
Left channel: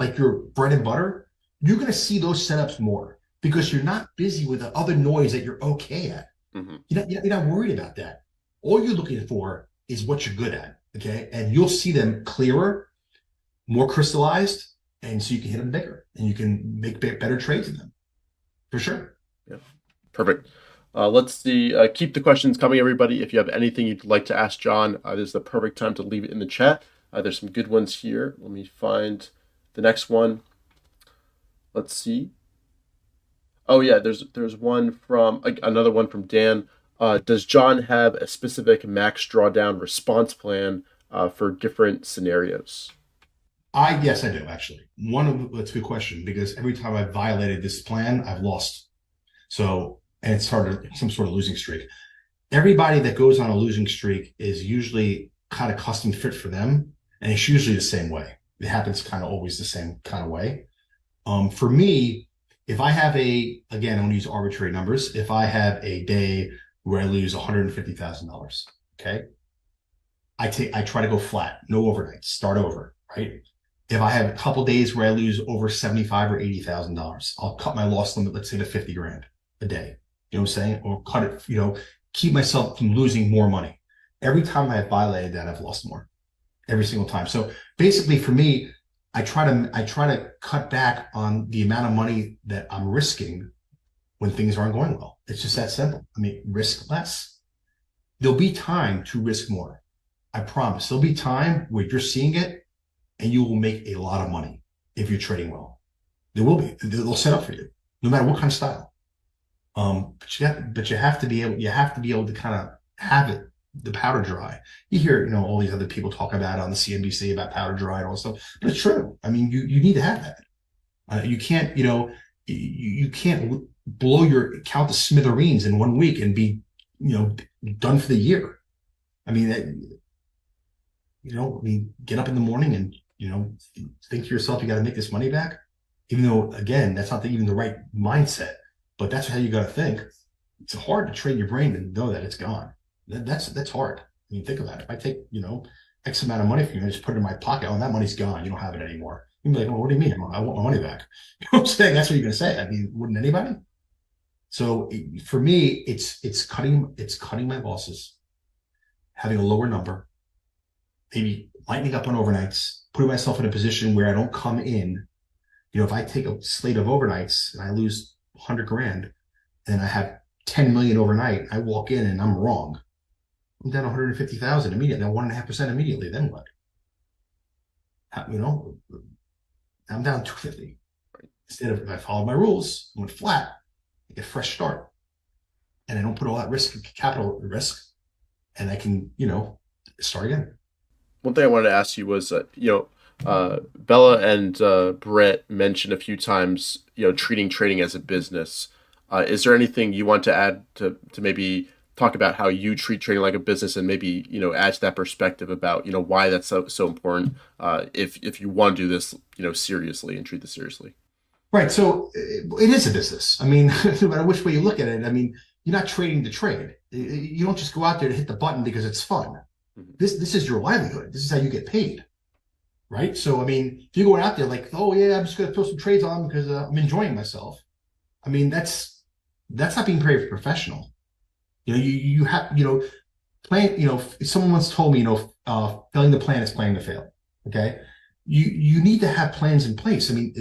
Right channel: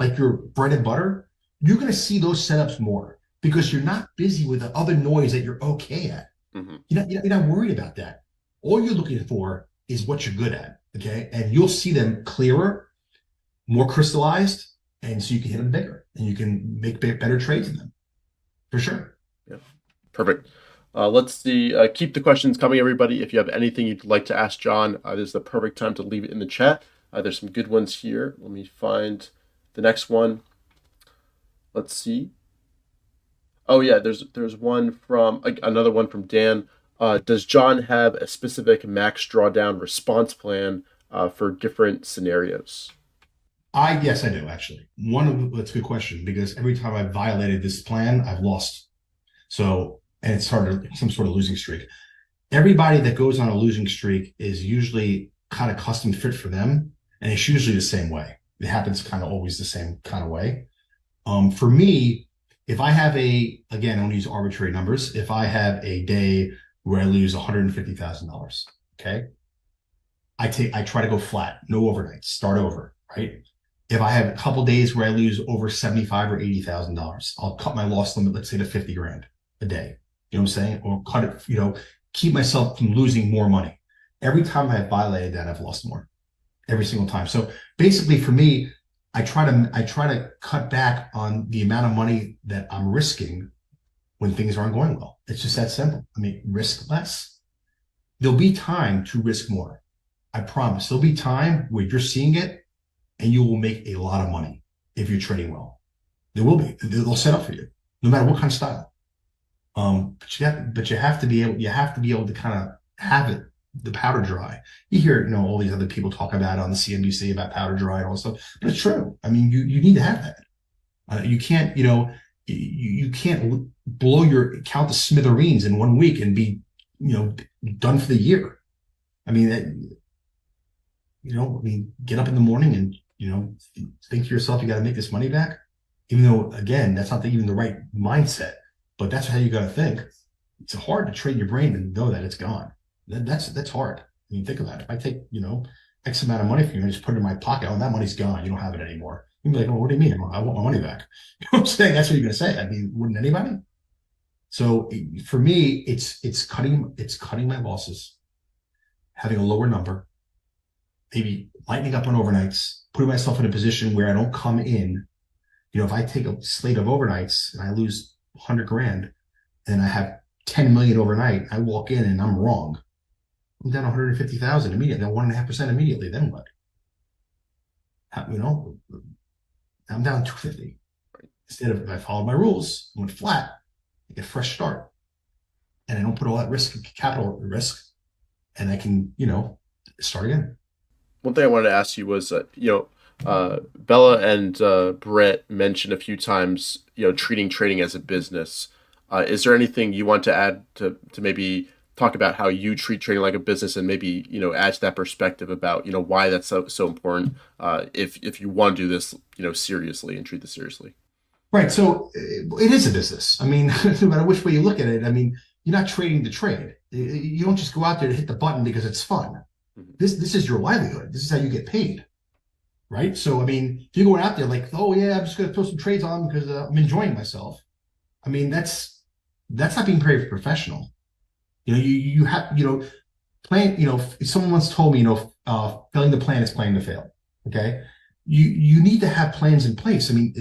like your bread and butter, you're going to see those setups more because you're not busy with the other noise that you're okay at. Mm-hmm. You're not worried about that. All you're looking for is what you're good at, okay? And you'll see them clearer, more crystallized, and so you can hit them bigger, and you can make better trades in them, for sure. Yeah, perfect. Let's see. Keep the questions coming, everybody. If you have anything you'd like to ask John, this is the perfect time to leave it in the chat. There's some good ones here. Let me find the next one. Let's see. Oh yeah, there's one from another one from Dan. Does John have a specific max drawdown response plan for different scenarios? Yes, I do actually. That's a good question because every time I've violated this plan, I've lost. So, and it started some sort of losing streak. Everybody that goes on a losing streak is usually kind of custom fit for them, and it's usually the same way. It happens kind of always the same kind of way. For me, if I have again, I want to use arbitrary numbers. If I have a day where I lose $150,000, okay, I try to go flat, no overnights, start over, right? If I have a couple days where I lose over $75,000 or $80,000, I'll cut my loss limit, let's say to 50 grand a day. You know what I'm saying? Or cut it, keep myself from losing more money. Every time I've violated that, I've lost more every single time. So basically for me, I try to cut back on the amount of money that I'm risking when things aren't going well. It's just that simple. I mean, risk less. There'll be time to risk more. I promise. There'll be time where you're seeing it and you will make a lot of money if you're trading well. There will be. They'll set up for you, no matter what kind of style. But you have to be able to kind of have it, the powder dry. You hear, all these other people talk about it on the CNBC about powder dry and all this stuff, but it's true. I mean, you need to have that. You can't, you can't count the smithereens in 1 week and be, done for the year. I mean, get up in the morning and, think to yourself, you got to make this money back. Even though, again, that's not even the right mindset, but that's how you got to think. It's hard to train your brain and know that it's gone. That's hard. I mean, think about it. If I take, X amount of money from you and just put it in my pocket, oh, that money's gone. You don't have it anymore. You'd be like, well, what do you mean? I want my money back. You know what I'm saying? That's what you're going to say. I mean, wouldn't anybody? So for me, it's cutting my losses, having a lower number, maybe lightening up on overnights, putting myself in a position where I don't come in. If I take a slate of overnights and I lose 100 grand and I have 10 million overnight, I walk in and I'm wrong. I'm down 150,000 immediately, down 1.5% immediately. Then what? I'm down 250. Instead of, if I follow my rules, I went flat, I get a fresh start. And I don't put all that capital at risk, and I can, start again. One thing I wanted to ask you was, Bella and Brett mentioned a few times, treating trading as a business. Is there anything you want to add to maybe talk about how you treat trading like a business, and maybe, add to that perspective about, why that's so important, if you want to do this, seriously and treat this seriously? Right. So it is a business. I mean, no matter which way you look at it, I mean, you're not trading to trade. You don't just go out there to hit the button because it's fun. Mm-hmm. This is your livelihood. This is how you get paid. Right. So, I mean, if you're going out there like, oh yeah, I'm just going to throw some trades on because I'm enjoying myself. I mean, that's not being very professional. You have, plan, if someone once told me, failing to plan is planning to fail. Okay. You need to have plans in place. I mean,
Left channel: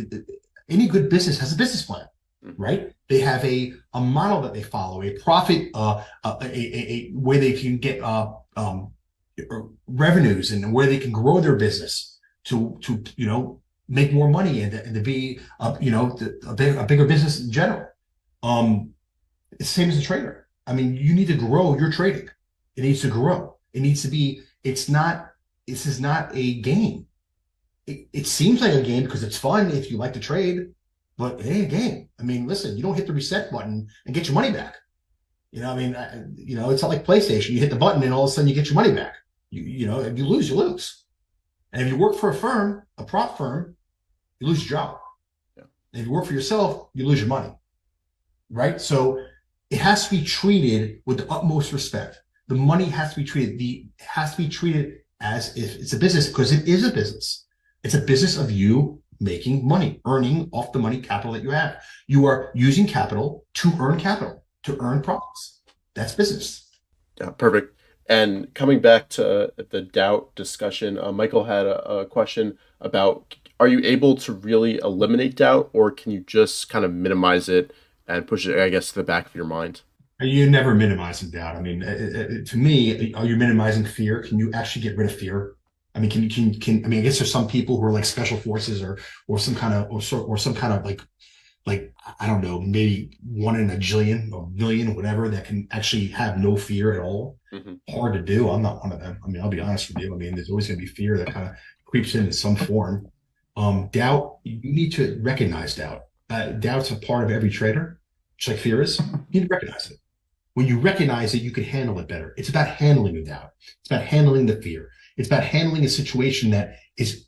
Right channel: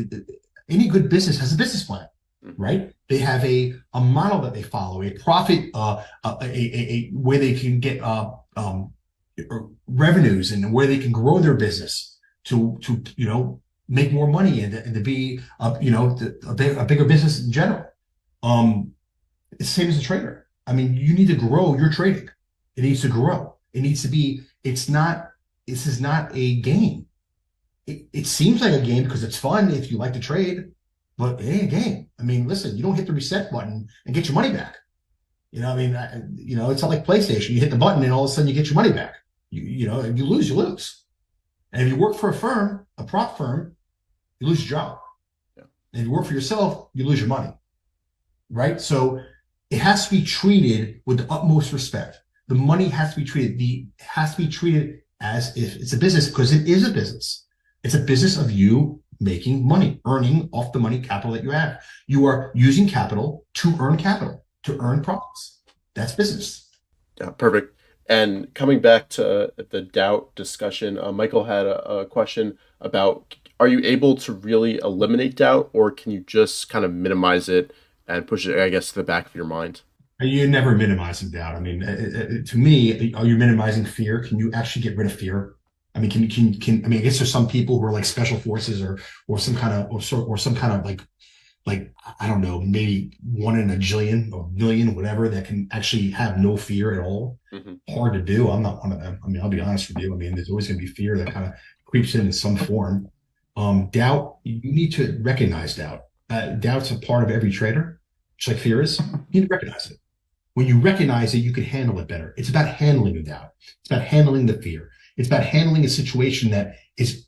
any good business has a business plan, right? They have a model that they follow, a profit, a where they can get revenues and where they can grow their business to make more money and to be a bigger business in general. It's the same as a trader. I mean, you need to grow your trading. It needs to grow. It needs to be. This is not a game. It seems like a game because it's fun if you like to trade, but it ain't a game. I mean, listen, you don't hit the reset button and get your money back. It's not like PlayStation. You hit the button and all of a sudden you get your money back. If you lose, you lose. And if you work for a firm, a prop firm, you lose your job. Yeah. And if you work for yourself, you lose your money. Right? So it has to be treated with the utmost respect. The money has to be treated as if it's a business, because it is a business. It's a business of you making money, earning off the money capital that you have. You are using capital, to earn profits. That's business. Yeah, perfect. And coming back to the doubt discussion, Michael had a question about, are you able to really eliminate doubt, or can you just kind of minimize it and push it, I guess, to the back of your mind? You're never minimizing doubt. I mean, to me, are you minimizing fear? Can you actually get rid of fear? I mean, I mean, I guess there's some people who are like special forces or some kind of like, I don't know, maybe 1 in a jillion or million, whatever, that can actually have no fear at all. Mm-hmm. Hard to do. I'm not one of them. I mean, I'll be honest with you. I mean, there's always going to be fear that kind of creeps in some form. Doubt, you need to recognize doubt. Doubt's a part of every trader, just like fear is. You need to recognize it. When you recognize it, you can handle it better. It's about handling the doubt. It's about handling the fear. It's about handling a situation that is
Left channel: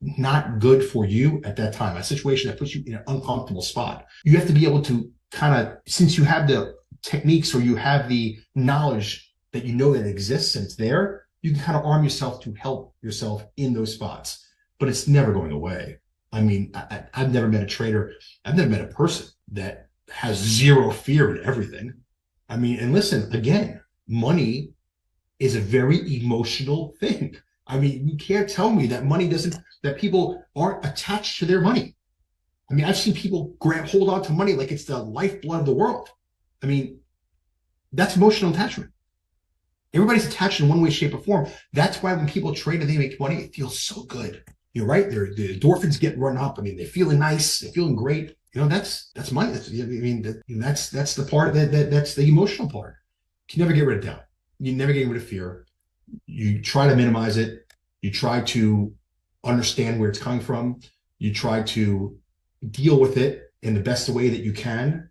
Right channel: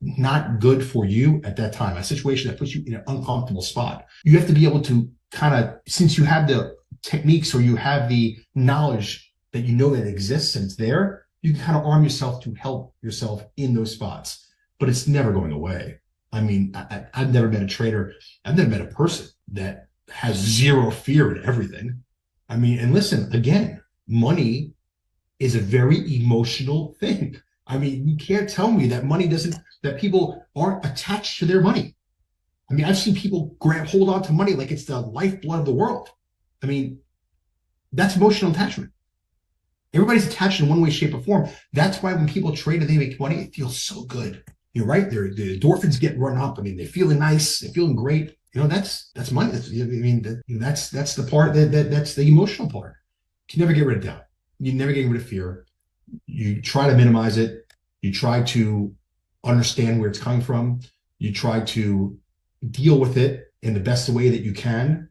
not good for you at that time, a situation that puts you in an uncomfortable spot. You have to be able to kind of, since you have the techniques or you have the knowledge that you know that exists and it's there, you can kind of arm yourself to help yourself in those spots. But it's never going away. I mean, I've never met a trader, I've never met a person that has zero fear in everything. I mean, and listen, again, money is a very emotional thing. I mean, you can't tell me that that people aren't attached to their money. I mean, I've seen people hold on to money like it's the lifeblood of the world. I mean, that's emotional attachment. Everybody's attached in one way, shape, or form. That's why when people trade and they make money, it feels so good. You're right. The endorphins get run up. I mean, they're feeling nice. They're feeling great. That's money. That's the part that's the emotional part. You can never get rid of doubt. You never get rid of fear. You try to minimize it. You try to understand where it's coming from. You try to deal with it in the best way that you can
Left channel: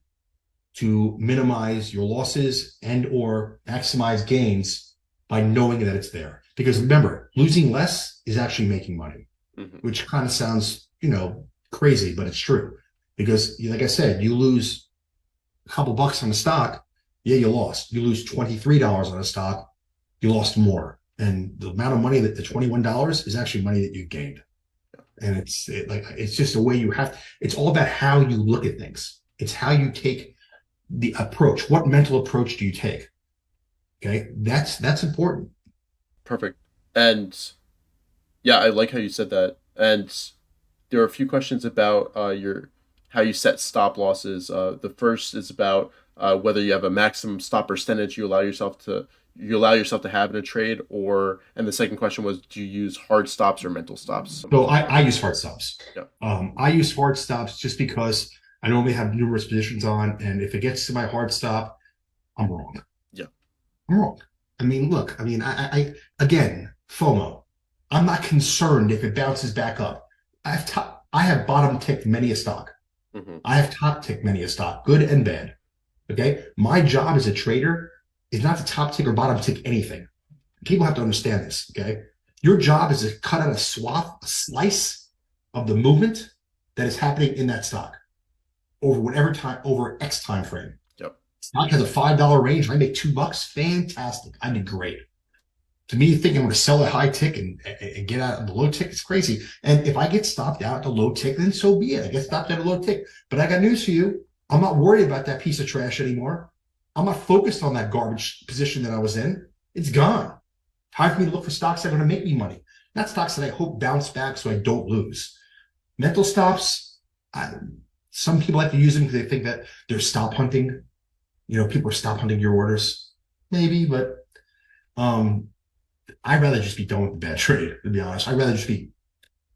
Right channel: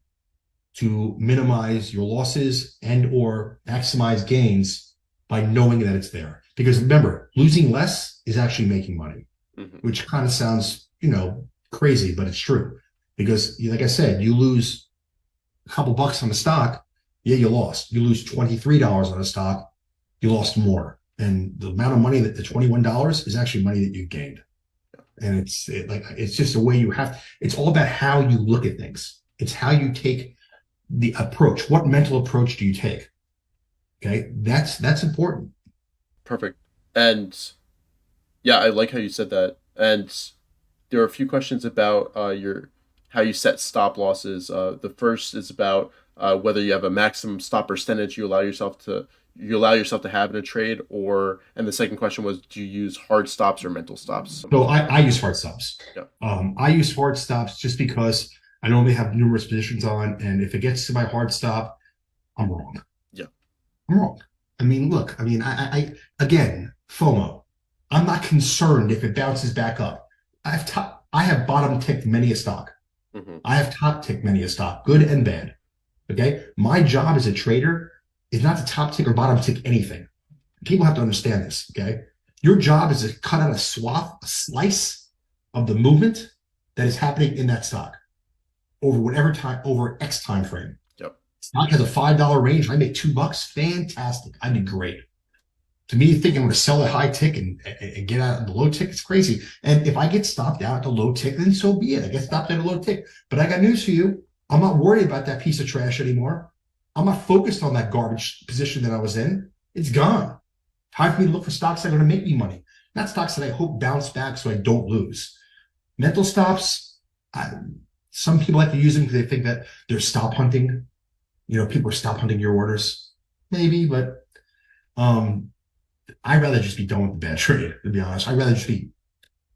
to minimize your losses and or maximize gains by knowing that it's there. Because remember, losing less is actually making money, which kind of sounds, crazy, but it's true. Because like I said, you lose a couple bucks on a stock, yeah, you lost. You lose $23 on a stock, you lost more. And the amount of money that the $21 is actually money that you gained. And it's just a way it's all about how you look at things. It's how you take the approach. What mental approach do you take? Okay. That's important. Perfect. And yeah, I like how you said that. And there are a few questions about how you set stop losses. The first is about whether you have a maximum stop percentage you allow yourself to have in a trade, and the second question was, do you use hard stops or mental stops? So I use hard stops. Yeah. I use hard stops just because I normally have numerous positions on, and if it gets to my hard stop, I'm wrong. Yeah. I'm wrong. I mean, look, I again, FOMO. I'm not concerned if it bounces back up. I have bottom ticked many a stock. I have top ticked many a stock, good and bad. Okay. My job as a trader is not to top tick or bottom tick anything. People have to understand this. Okay. Your job is to cut out a slice of the movement that is happening in that stock over X time frame. Yep. Stock has a $5 range. I make $2. Fantastic. I did great. To me, thinking I'm going to sell a high tick and get out of the low tick, it's crazy. And if I get stopped out at the low tick, then so be it. I get stopped at a low tick. But I got news for you. I'm not worried about that piece of trash anymore. I'm not focused on that garbage position that I was in. It's gone. Time for me to look for stocks that are going to make me money, not stocks that I hope bounce back so I don't lose. Mental stops, some people like to use them because they think that they're stop hunting. People are stop hunting your orders. Maybe, but I'd rather just be done with the bad trade, to be honest. I'd rather just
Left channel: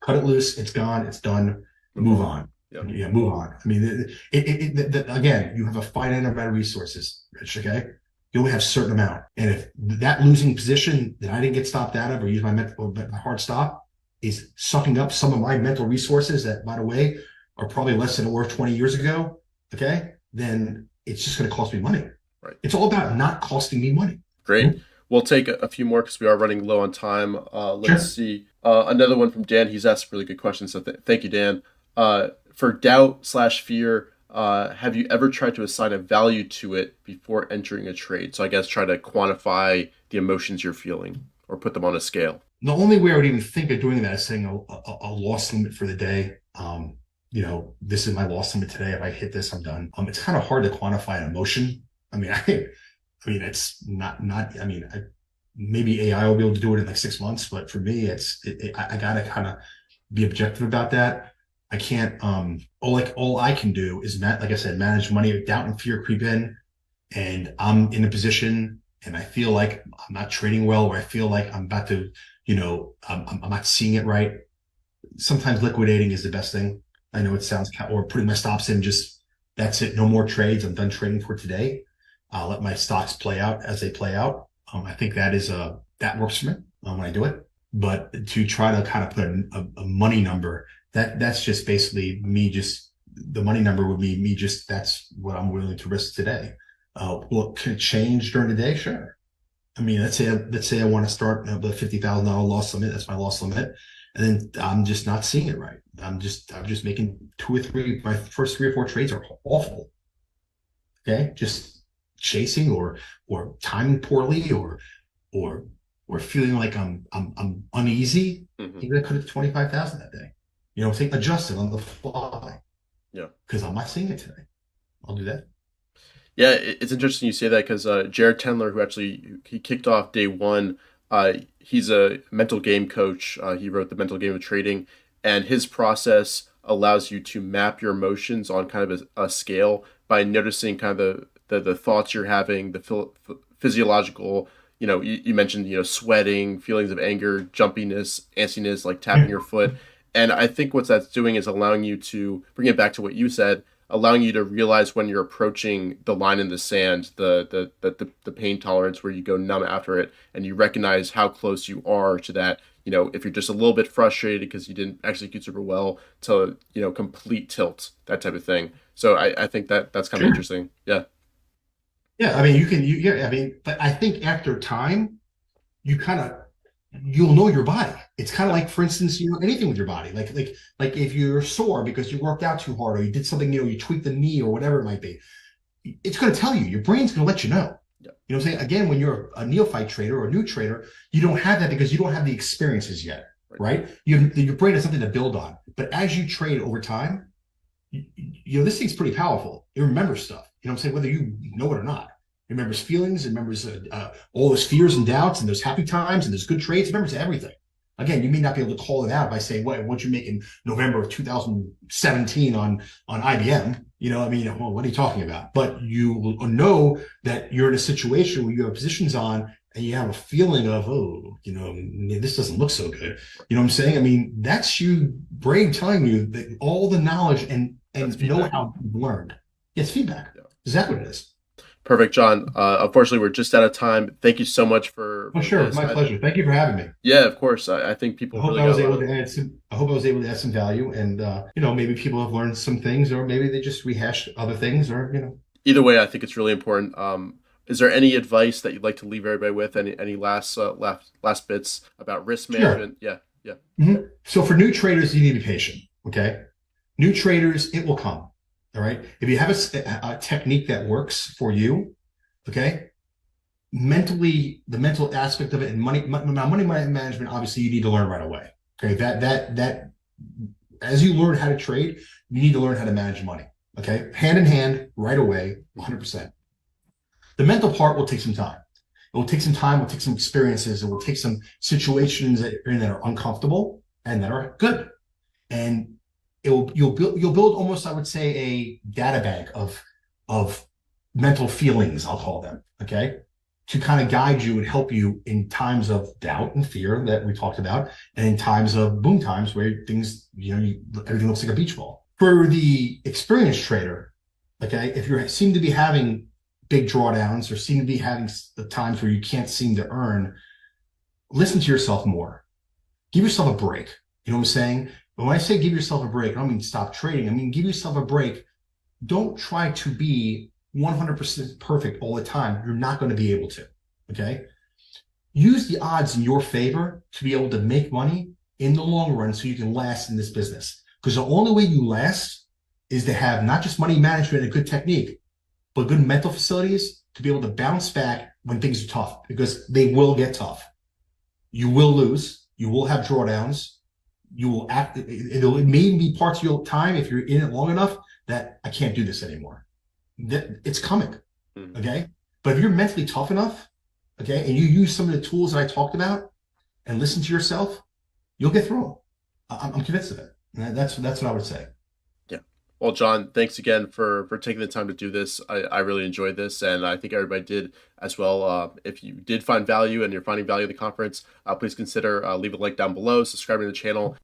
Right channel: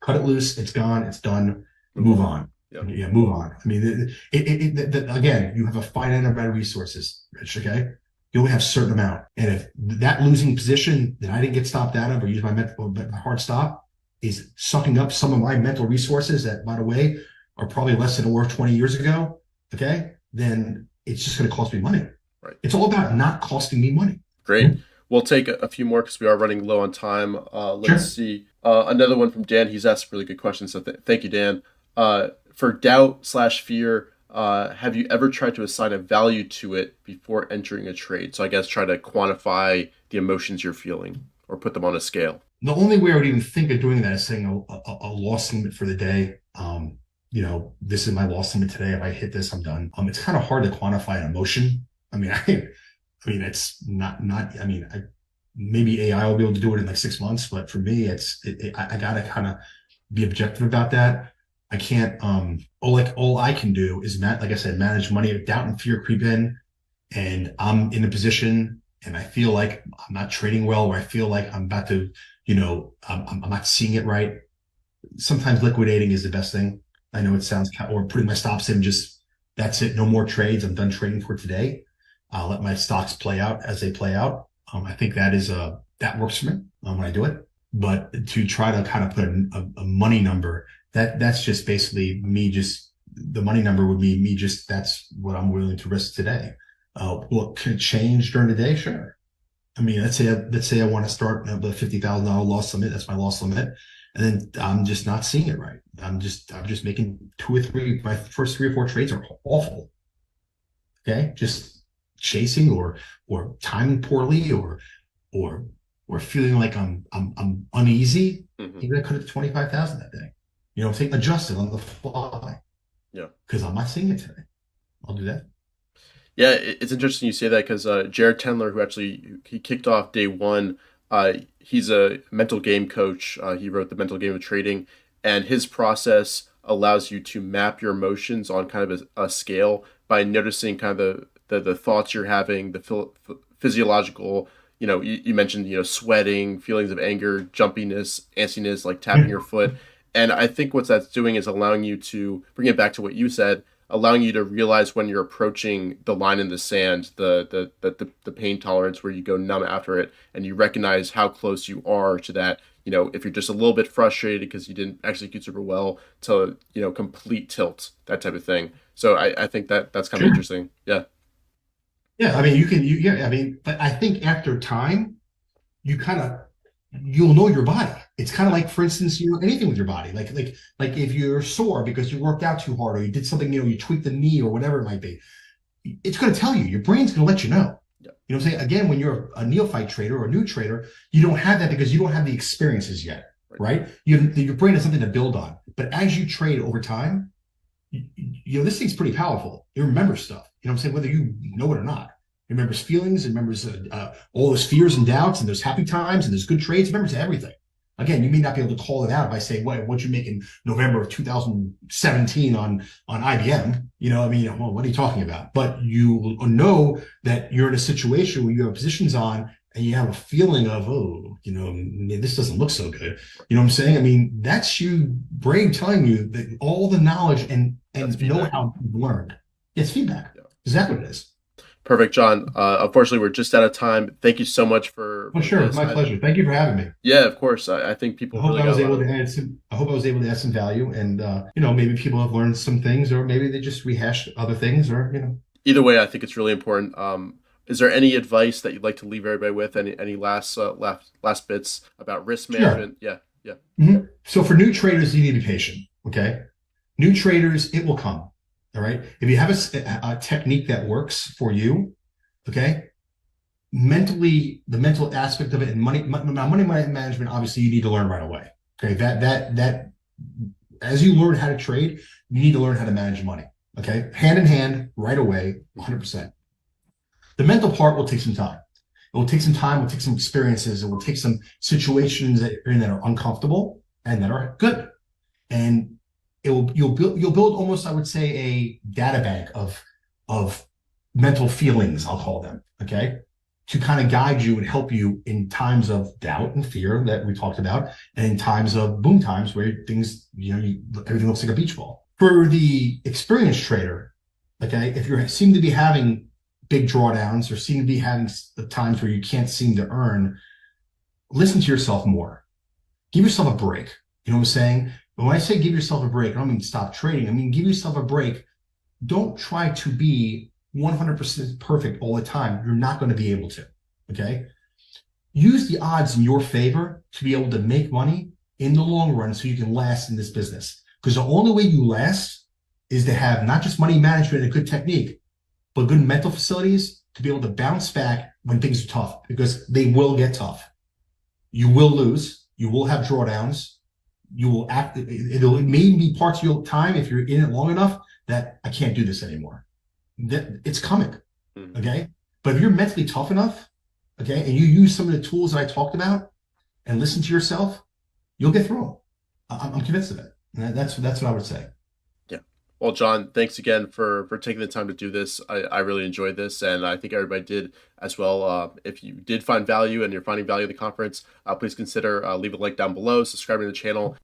cut it loose. It's gone. It's done. Move on. Yeah, move on. I mean, again, you have a finite amount of resources, Rich, okay? You only have a certain amount. And if that losing position that I didn't get stopped out of or use my hard stop is sucking up some of my mental resources that, by the way, are probably less than they were 20 years ago, okay, then it's just going to cost me money. Right. It's all about not costing me money. Great. We'll take a few more because we are running low on time. Let's see. Another one from Dan. He's asked a really good question. So thank you, Dan. For doubt/fear, have you ever tried to assign a value to it before entering a trade? So I guess try to quantify the emotions you're feeling or put them on a scale. The only way I would even think of doing that is saying a loss limit for the day. This is my loss limit today. If I hit this, I'm done. It's kind of hard to quantify an emotion. It's not. Maybe AI will be able to do it in like 6 months, but for me, I gotta kind of be objective about that. I can't. All I can do is like I said, manage money. Doubt and fear creep in, and I'm in a position, and I feel like I'm not trading well, or I feel like I'm about to, I'm not seeing it right. Sometimes liquidating is the best thing. I know it sounds, or putting my stops in. Just that's it. No more trades. I'm done trading for today. I'll let my stocks play out as they play out. I think that works for me when I do it. But to try to kind of put a money number, that's just basically me. Just the money number would be me. Just that's what I'm willing to risk today. Can it change during the day? Sure. Let's say I want to start the $50,000 loss limit. That's my loss limit, and then I'm just not seeing it right. I'm just making 2 or 3. My first 3 or 4 trades are awful. Okay, just chasing or timing poorly or feeling like I'm uneasy. You're gonna cut it to 25,000 that day. Adjust it on the fly. Yeah, because I'm not seeing it today. I'll do that. Yeah, it's interesting you say that because Jared Tendler, who actually he kicked off day one, he's a mental game coach. He wrote the Mental Game of Trading, and his process allows you to map your emotions on kind of a scale by noticing kind of the thoughts you're having, the physiological. You mentioned sweating, feelings of anger, jumpiness, antsiness, like tapping your foot, and I think what that's doing is allowing you to bring it back to what you said, allowing you to realize when you're approaching the line in the sand, the pain tolerance where you go numb after it, and you recognize how close you are to that. If you're just a little bit frustrated because you didn't execute super well, to complete tilt, that type of thing. So I think that's kind of Sure. interesting. Yeah. Yeah, I mean, yeah, I mean, but I think after time, you kind of you'll know your body. It's kind of Yeah. like, for instance, anything with your body, like if you're sore because you worked out too hard or you did something, you tweaked the knee or whatever it might be. It's going to tell you. Your brain's going to let you know. Yeah. You know what I'm saying? Again, when you're a neophyte trader or a new trader, you don't have that because you don't have the experiences yet, Right. right? Your brain has something to build on. But as you trade over time, this thing's pretty powerful. It remembers stuff. You know what I'm saying? Whether you know it or not. It remembers feelings. It remembers all those fears and doubts and those happy times and those good trades. It remembers everything. Again, you may not be able to call it out by saying what you make in November of 2017 on IBM. I mean, well, what are you talking about? But you know that you're in a situation where you have positions on and you have a feeling of, oh, this doesn't look so good. Right. You know what I'm saying? I mean, that's you brain telling you that all the knowledge That's and feedback. know-how you've learned. It's feedback. Yeah. Exactly what it is. Perfect, John. Unfortunately, we're just out of time. Thank you so much Oh, for sure. this. My pleasure. Thank you for having me. Yeah, of course. I think I people hope really I got was a lot able of. to add some. I hope I was able to add some value, and maybe people have learned some things, or maybe they just rehashed other things, or Either way, I think it's really important. Is there any advice that you'd like to leave everybody with? Any last bits about risk Sure. management? Yeah, yeah, So for new traders, you need to be patient. Okay, new traders, it will come. All right. If you have a technique that works for you, okay, mentally, the mental aspect of it and money management, obviously, you need to learn right away. Okay, that as you learn how to trade, you need to learn how to manage money. Okay, hand in hand, right away, 100%. The mental part will take some time. It will take some time. It will take some experiences. It will take some situations that you're in that are uncomfortable and that are good. And you'll build almost, I would say, a data bank of mental feelings, I'll call them. Okay, to kind of guide you and help you in times of doubt and fear that we talked about, and in times of boom times where things, everything looks like a beach ball. For the experienced trader, okay, if you seem to be having big drawdowns or seem to be having the times where you can't seem to earn, listen to yourself more. Give yourself a break. You know what I'm saying? But when I say give yourself a break, I don't mean stop trading. I mean give yourself a break. Don't try to be 100% perfect all the time. You're not going to be able to. Okay. Use the odds in your favor to be able to make money in the long run so you can last in this business. Because the only way you last is to have not just money management and a good technique, but good mental facilities to be able to bounce back when things are tough, because they will get tough. You will lose. You will have drawdowns. You will act. It may be parts of your time, if you're in it long enough, that I can't do this anymore. It's coming. Mhm. Okay. But if you're mentally tough enough, okay, and you use some of the tools that I talked about and listen to yourself, you'll get through them. I'm convinced of it. And that's what I would say. yeah. Well, John, thanks again for taking the time to do this. I really enjoyed this, and I think everybody did as well. If you did find value and you're finding value in the conference, please consider leave a link down below, subscribing to the channel.